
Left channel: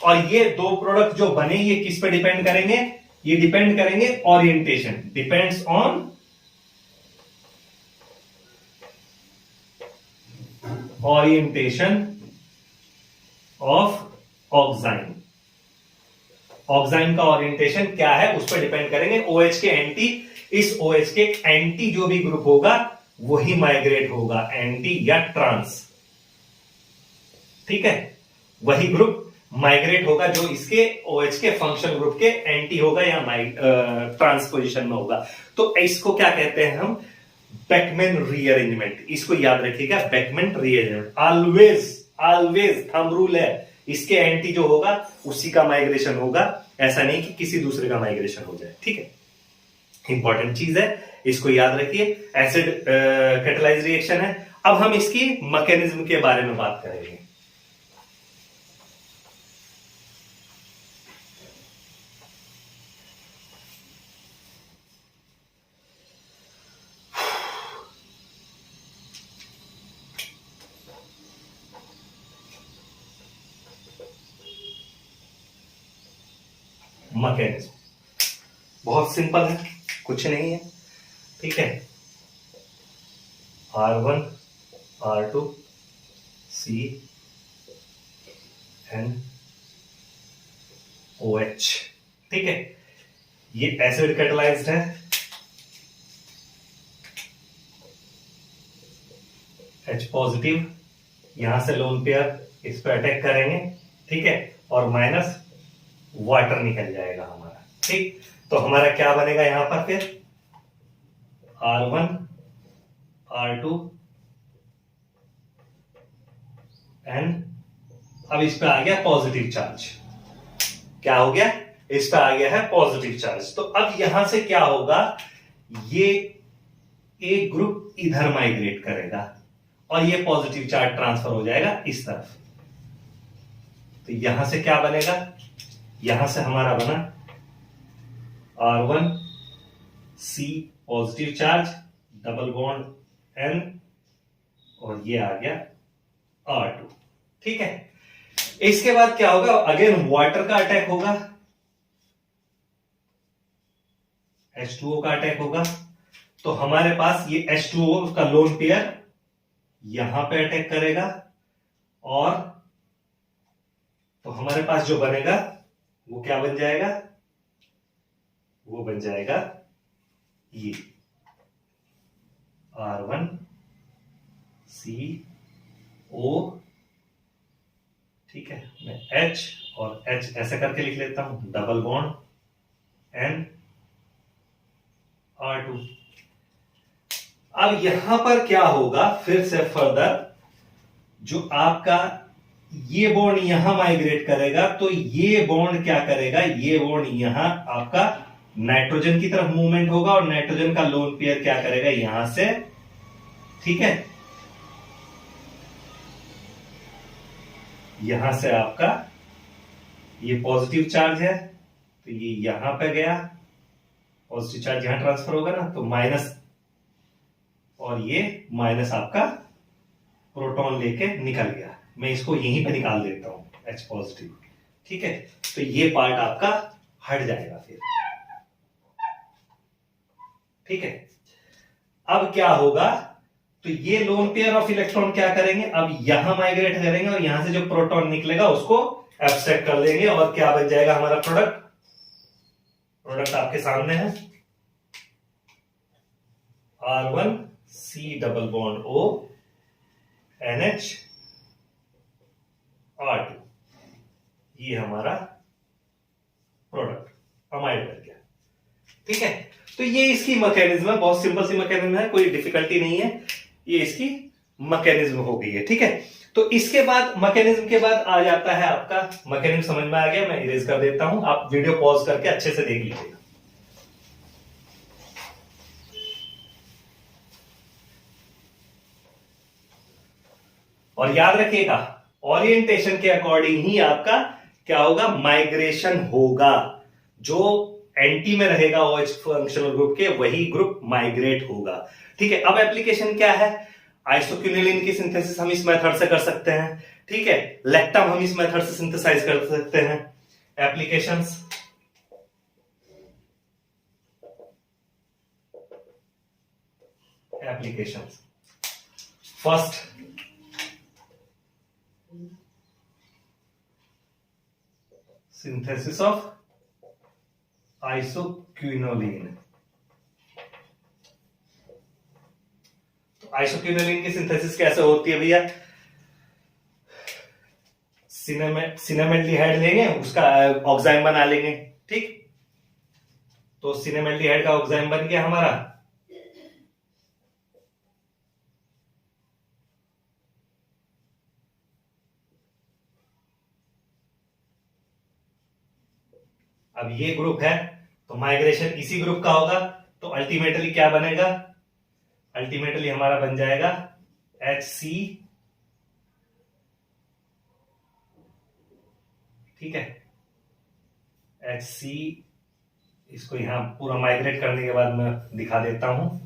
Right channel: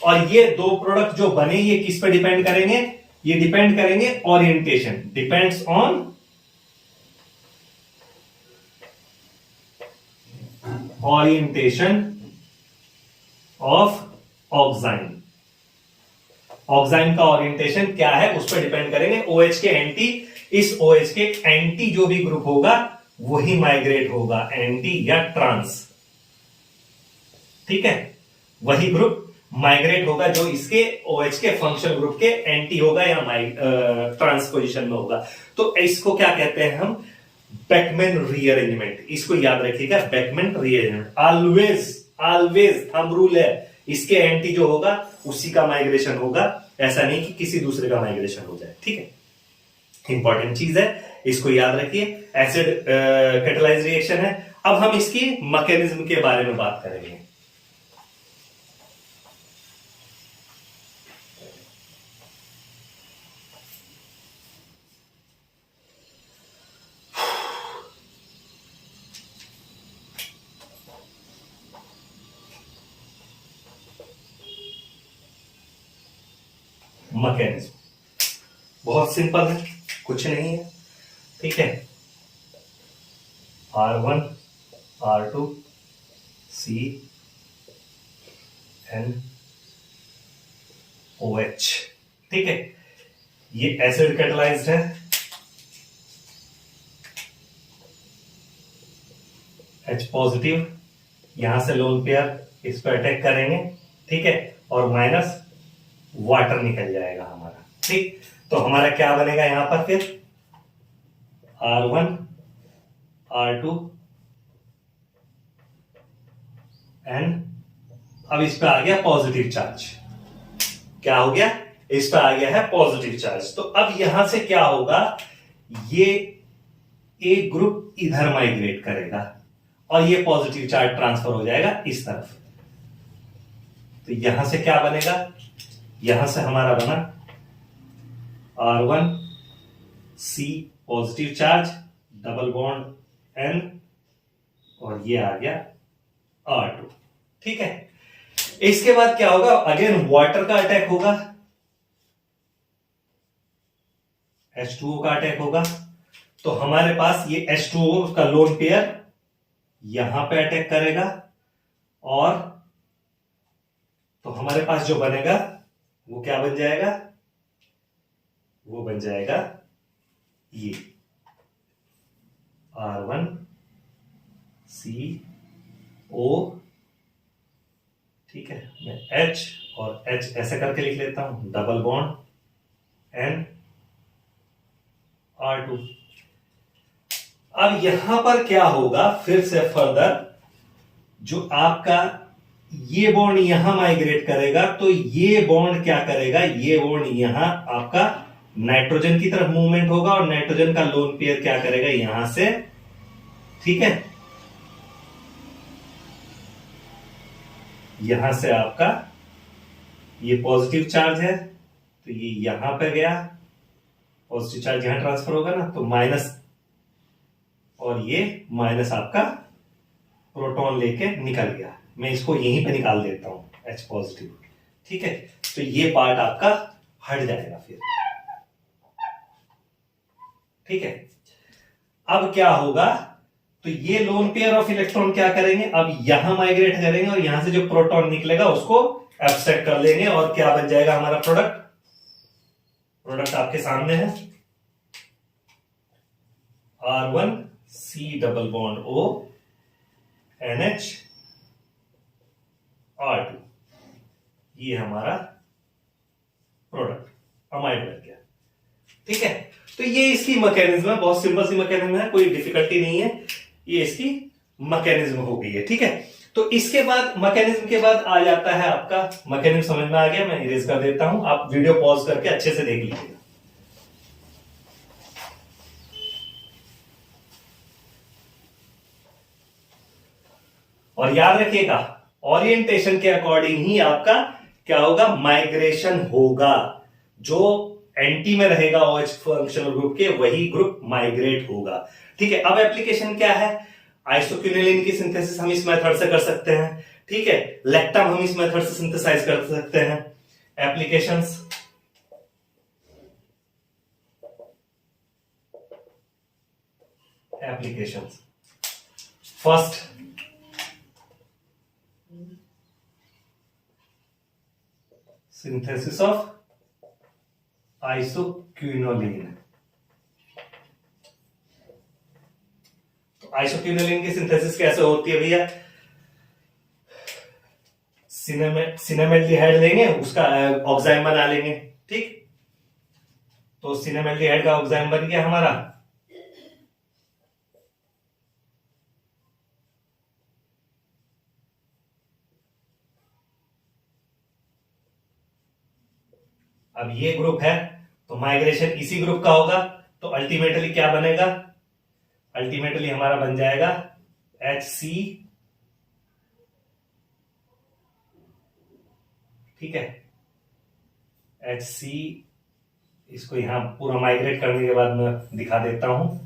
और ये दो प्रोडक्ट जो बने ये किस पे डिपेंड करेंगे? ये डिपेंड करेंगे orientation, depends on orientation of auxin. Auxin का ओरिएंटेशन क्या है उस पर डिपेंड करेंगे। OH के एंटी, इस OH के एंटी जो भी ग्रुप होगा वही माइग्रेट होगा, एंटी या ट्रांस। ठीक है, वही ग्रुप माइग्रेट होगा जो इसके OH के फंक्शन ग्रुप के एंटी होगा या ट्रांस पोजीशन में होगा। तो इसको क्या कहते हैं हम? Beckmann rearrangement. इसको याद रखिएगा, Beckmann rearrangement. Always always thumb rule है, इसके एंटी जो होगा उसी का माइग्रेशन होगा, ऐसा नहीं कि किसी दूसरे का माइग्रेशन हो जाए। ठीक है, इंपॉर्टेंट चीज है, इसको याद रखिए। एसिड कैटालाइज रिएक्शन है। अब हम इसकी मैकेनिज्म के बारे में बात करेंगे। मैकेनिज्म बहुत सिंपल है, कुछ नहीं है। ठीक है, R1 R2 C NOH। ठीक है, ये एसिड कैटालाइज्ड है, H पॉजिटिव, यहां से लोन पेयर इस पर अटैक करेंगे। ठीक है, और माइनस वाटर निकल जाएगा हमारा। ठीक, तो हमारा क्या बनेगा यहां पर फिर? R1 R2 N। अब इस पे आ गया पॉजिटिव चार्ज। क्या हो गया? इस पे आ गया है पॉजिटिव चार्ज। तो अब यहां से क्या होगा? ये एक ग्रुप इधर माइग्रेट करेगा और ये पॉजिटिव चार्ज ट्रांसफर हो जाएगा इस तरफ। तो यहां से क्या बनेगा? यहां से हमारा बना R1 C positive charge double bond N और ये आ गया R2। ठीक है, इसके बाद क्या होगा? अगेन वाटर का अटैक होगा, H2O का अटैक होगा। तो हमारे पास ये H2O का लोन पेयर यहां पे अटैक करेगा और तो हमारे पास जो बनेगा वो क्या बन जाएगा? वो बन जाएगा ये R1 CO। ठीक है, मैं H और H ऐसे करके लिख लेता हूं, डबल बॉन्ड N R2। अब यहां पर क्या होगा? फिर से फर्दर जो आपका ये बॉन्ड यहां माइग्रेट करेगा, तो ये बॉन्ड क्या करेगा? ये बॉन्ड यहां आपका नाइट्रोजन की तरफ मूवमेंट होगा और नाइट्रोजन का लोन पेयर क्या करेगा? यहां से। ठीक है, यहां से आपका ये पॉजिटिव चार्ज है तो ये यहां पे गया, पॉजिटिव चार्ज यहां ट्रांसफर होगा ना, तो माइनस, और ये माइनस आपका प्रोटॉन लेके निकल गया। मैं इसको यहीं पे निकाल देता हूं H पॉजिटिव। ठीक है, तो ये पार्ट आपका हट जाएगा फिर। ठीक है, अब क्या होगा? तो ये लोन पेयर ऑफ इलेक्ट्रॉन क्या करेंगे? अब यहां माइग्रेट करेंगे और यहां से जो प्रोटॉन निकलेगा उसको एब्स्ट्रैक्ट कर देंगे और क्या बन जाएगा हमारा प्रोडक्ट? प्रोडक्ट आपके सामने है, R1 C double bond O NH R2। ये हमारा प्रोडक्ट अमाइड बन गया। ठीक है, तो ये इसकी मैकेनिज्म है, बहुत सिंपल सी मैकेनिज्म है, कोई डिफिकल्टी नहीं है। ये इसकी मैकेनिज्म हो गई है। ठीक है, तो इसके बाद मैकेनिज्म के बाद आ जाता है आपका, मैकेनिज्म समझ में आ गया, मैं इरेज कर देता हूं, आप वीडियो पॉज करके अच्छे से देख लीजिएगा। और याद रखिएगा ओरिएंटेशन के अकॉर्डिंग ही आपका क्या होगा, माइग्रेशन होगा। जो एंटी में रहेगा OH फंक्शनल ग्रुप के, वही ग्रुप माइग्रेट होगा। ठीक है, अब एप्लीकेशन क्या है, आइसोक्विनोलिन की सिंथेसिस हम इस मेथड से कर सकते हैं। ठीक है, लैक्टम हम इस मेथड से सिंथेसाइज कर सकते हैं। Applications, first synthesis of isoquinoline. तो आइसोक्विनोलिन की सिंथेसिस कैसे होती है भैया, सिनेमेल्डिहाइड लेंगे, उसका ऑक्साइम बना लेंगे। ठीक, तो सिनेमेल्डिहाइड का ऑक्साइम बन गया हमारा। अब ये ग्रुप है तो माइग्रेशन इसी ग्रुप का होगा, तो अल्टीमेटली क्या बनेगा, अल्टीमेटली हमारा बन जाएगा HC। ठीक है, HC, इसको यहां पूरा माइग्रेट करने के बाद मैं दिखा देता हूं,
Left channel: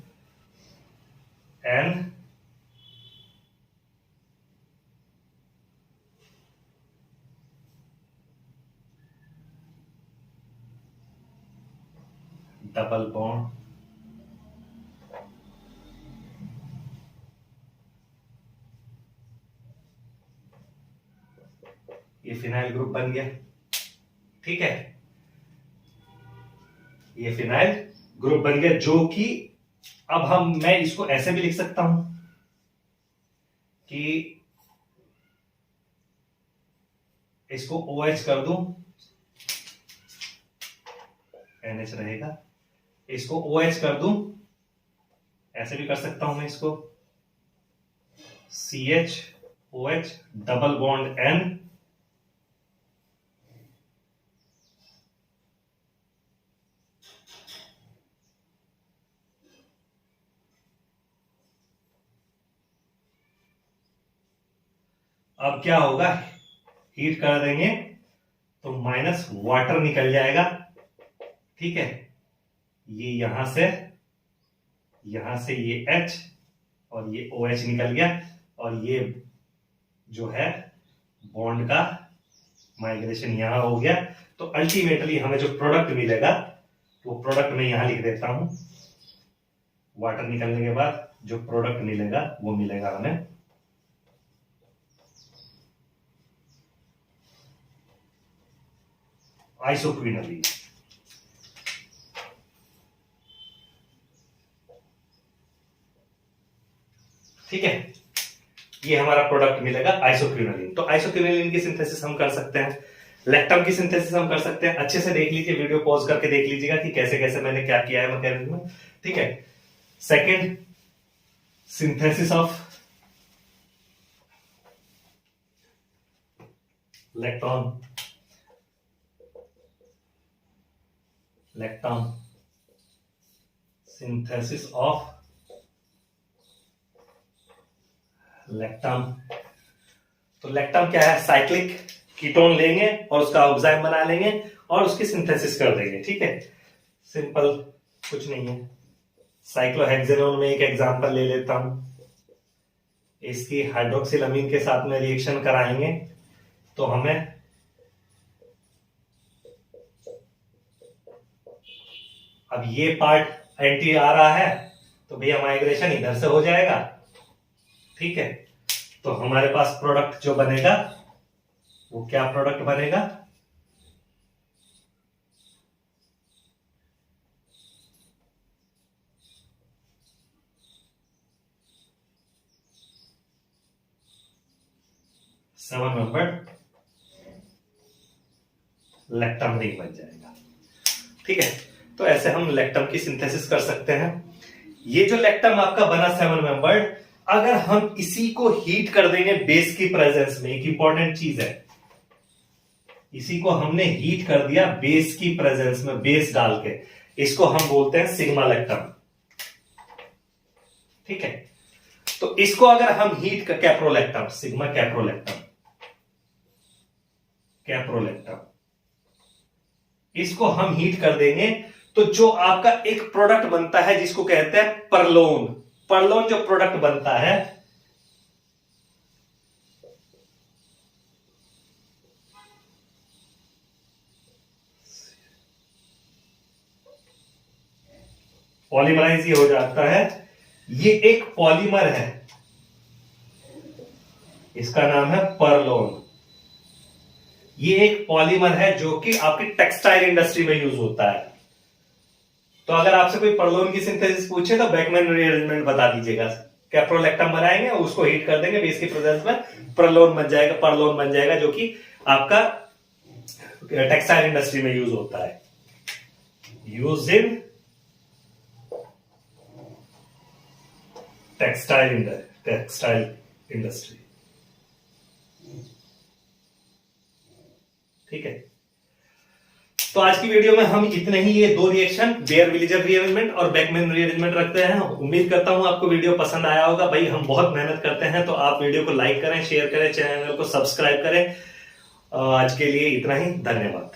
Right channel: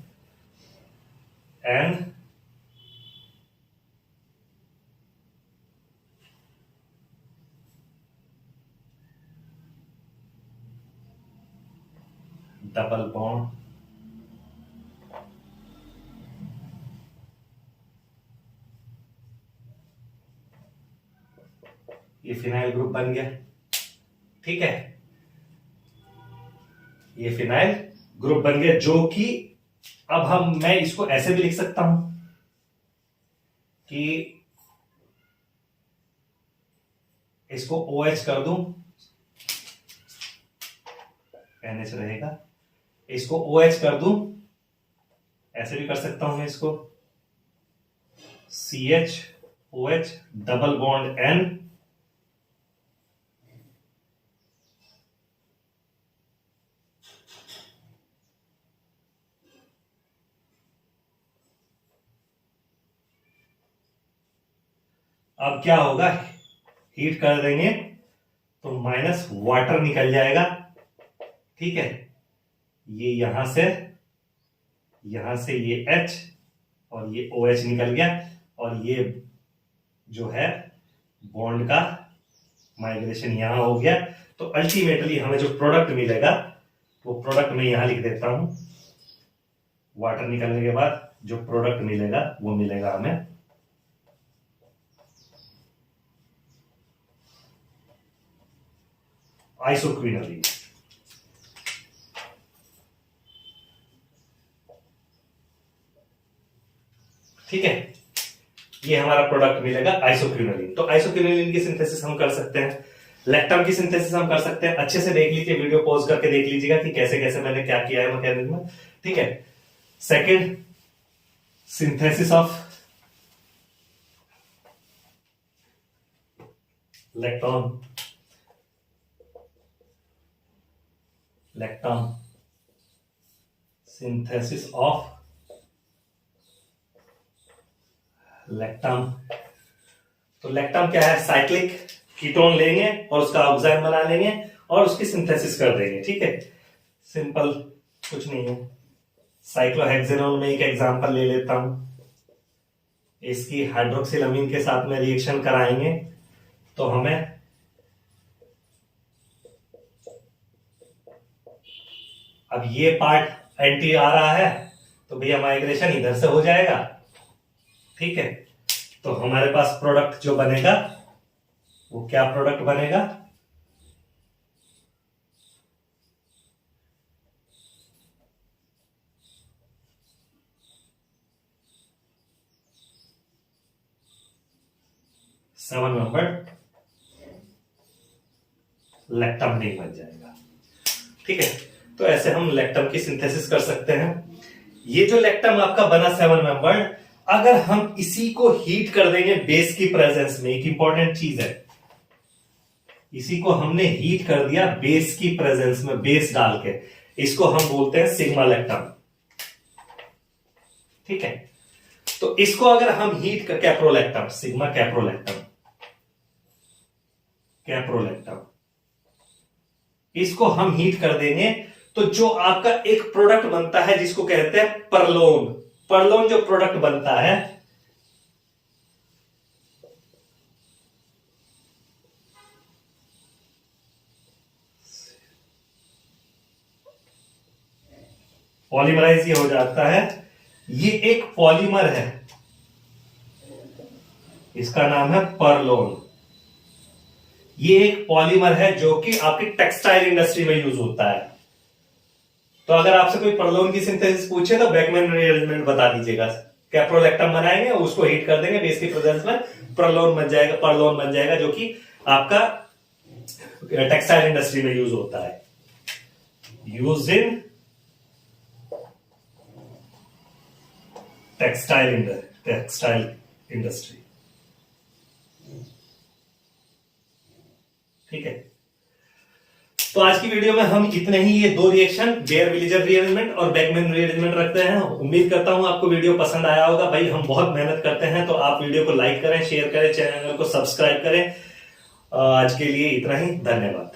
N डबल बॉन्ड, ये फिनाइल ग्रुप बन गया। ठीक है, ये फिनाइल ग्रुप बन गया, जो कि अब मैं इसको ऐसे भी लिख सकता हूं कि इसको OH कर दूं, NH रहेगा, इसको OH कर दूं, ऐसे भी कर सकता हूं मैं इसको CH डबल बॉन्ड N, अब क्या होगा, हीट कर देंगे तो माइनस वाटर निकल जाएगा। ठीक है, ये यहां से ये H और ये OH निकल गया, और ये जो है बॉन्ड का माइग्रेशन यहां हो गया। तो अल्टीमेटली हमें जो प्रोडक्ट मिलेगा, वो प्रोडक्ट में यहां लिख देता हूं, वाटर निकलने के बाद जो प्रोडक्ट मिलेगा वो मिलेगा हमें आइसोक्विनोलिन। ठीक है, ये हमारा प्रोडक्ट मिलेगा आइसोक्विनोलिन। तो आइसोक्विनोलिन की सिंथेसिस हम कर सकते हैं, लैक्टम की सिंथेसिस हम कर सकते हैं। अच्छे से देख लीजिए, वीडियो पॉज करके देख लीजिएगा कि कैसे कैसे मैंने क्या किया है मैकेनिज्म में। ठीक है, second synthesis of lactam synthesis of lactam. तो लैक्टम क्या है, साइक्लिक कीटोन लेंगे और उसका ऑक्साइम बना लेंगे और उसकी सिंथेसिस कर देंगे। ठीक है, सिंपल, कुछ नहीं है। साइक्लोहेक्सेनोन में एक एग्जांपल ले लेता हूं, इसकी हाइड्रोक्सिलअमीन के साथ में रिएक्शन कराएंगे तो हमें अब ये पार्ट एंटी आ रहा है, तो भैया माइग्रेशन इधर से हो जाएगा। ठीक है, तो हमारे पास प्रोडक्ट जो बनेगा वो क्या प्रोडक्ट बनेगा, सेवन मेंबर्ड लैक्टम रिंग बन जाएगा। ठीक है, तो ऐसे हम लैक्टम की सिंथेसिस कर सकते हैं। ये जो लैक्टम आपका बना 7 मेंबर्ड, अगर हम इसी को हीट कर देंगे बेस की प्रेजेंस में, एक इंपॉर्टेंट चीज है, इसी को हमने हीट कर दिया बेस की प्रेजेंस में, बेस डाल के, इसको हम बोलते हैं सिग्मा लेक्टम। ठीक है, तो इसको अगर हम हीट कर, कैप्रोलेक्टम, सिग्मा कैप्रोलेक्टम, कैप्रोलेक्टम, इसको हम हीट कर देंगे तो जो आपका एक प्रोडक्ट बनता है जिसको कहते हैं परलोन, परलोन जो प्रोडक्ट बनता है, पॉलीमराइज ये हो जाता है, ये एक पॉलीमर है, इसका नाम है परलोन। ये एक पॉलीमर है जो कि आपकी टेक्सटाइल इंडस्ट्री में यूज होता है। तो अगर आपसे कोई परलोन की सिंथेसिस पूछे तो बेकमैन रीअरेंजमेंट बता दीजिएगा। कैप्रोलेक्टम बनाएंगे, उसको हीट कर देंगे बेस की प्रेजेंस में, परलोन बन जाएगा, परलोन बन जाएगा, जो कि आपका टेक्सटाइल इंडस्ट्री में यूज होता है, यूज इन टेक्सटाइल इंडस्ट्री। ठीक है, तो आज की वीडियो में हम इतने ही, ये दो रिएक्शन, बेयर विलेजर रीअरेंजमेंट और बेकमैन रीअरेंजमेंट रखते हैं। उम्मीद करता हूं आपको वीडियो पसंद आया होगा। भाई हम बहुत मेहनत करते हैं, तो आप वीडियो को लाइक करें, शेयर करें, चैनल को सब्सक्राइब करें। आज के लिए इतना ही, धन्यवाद।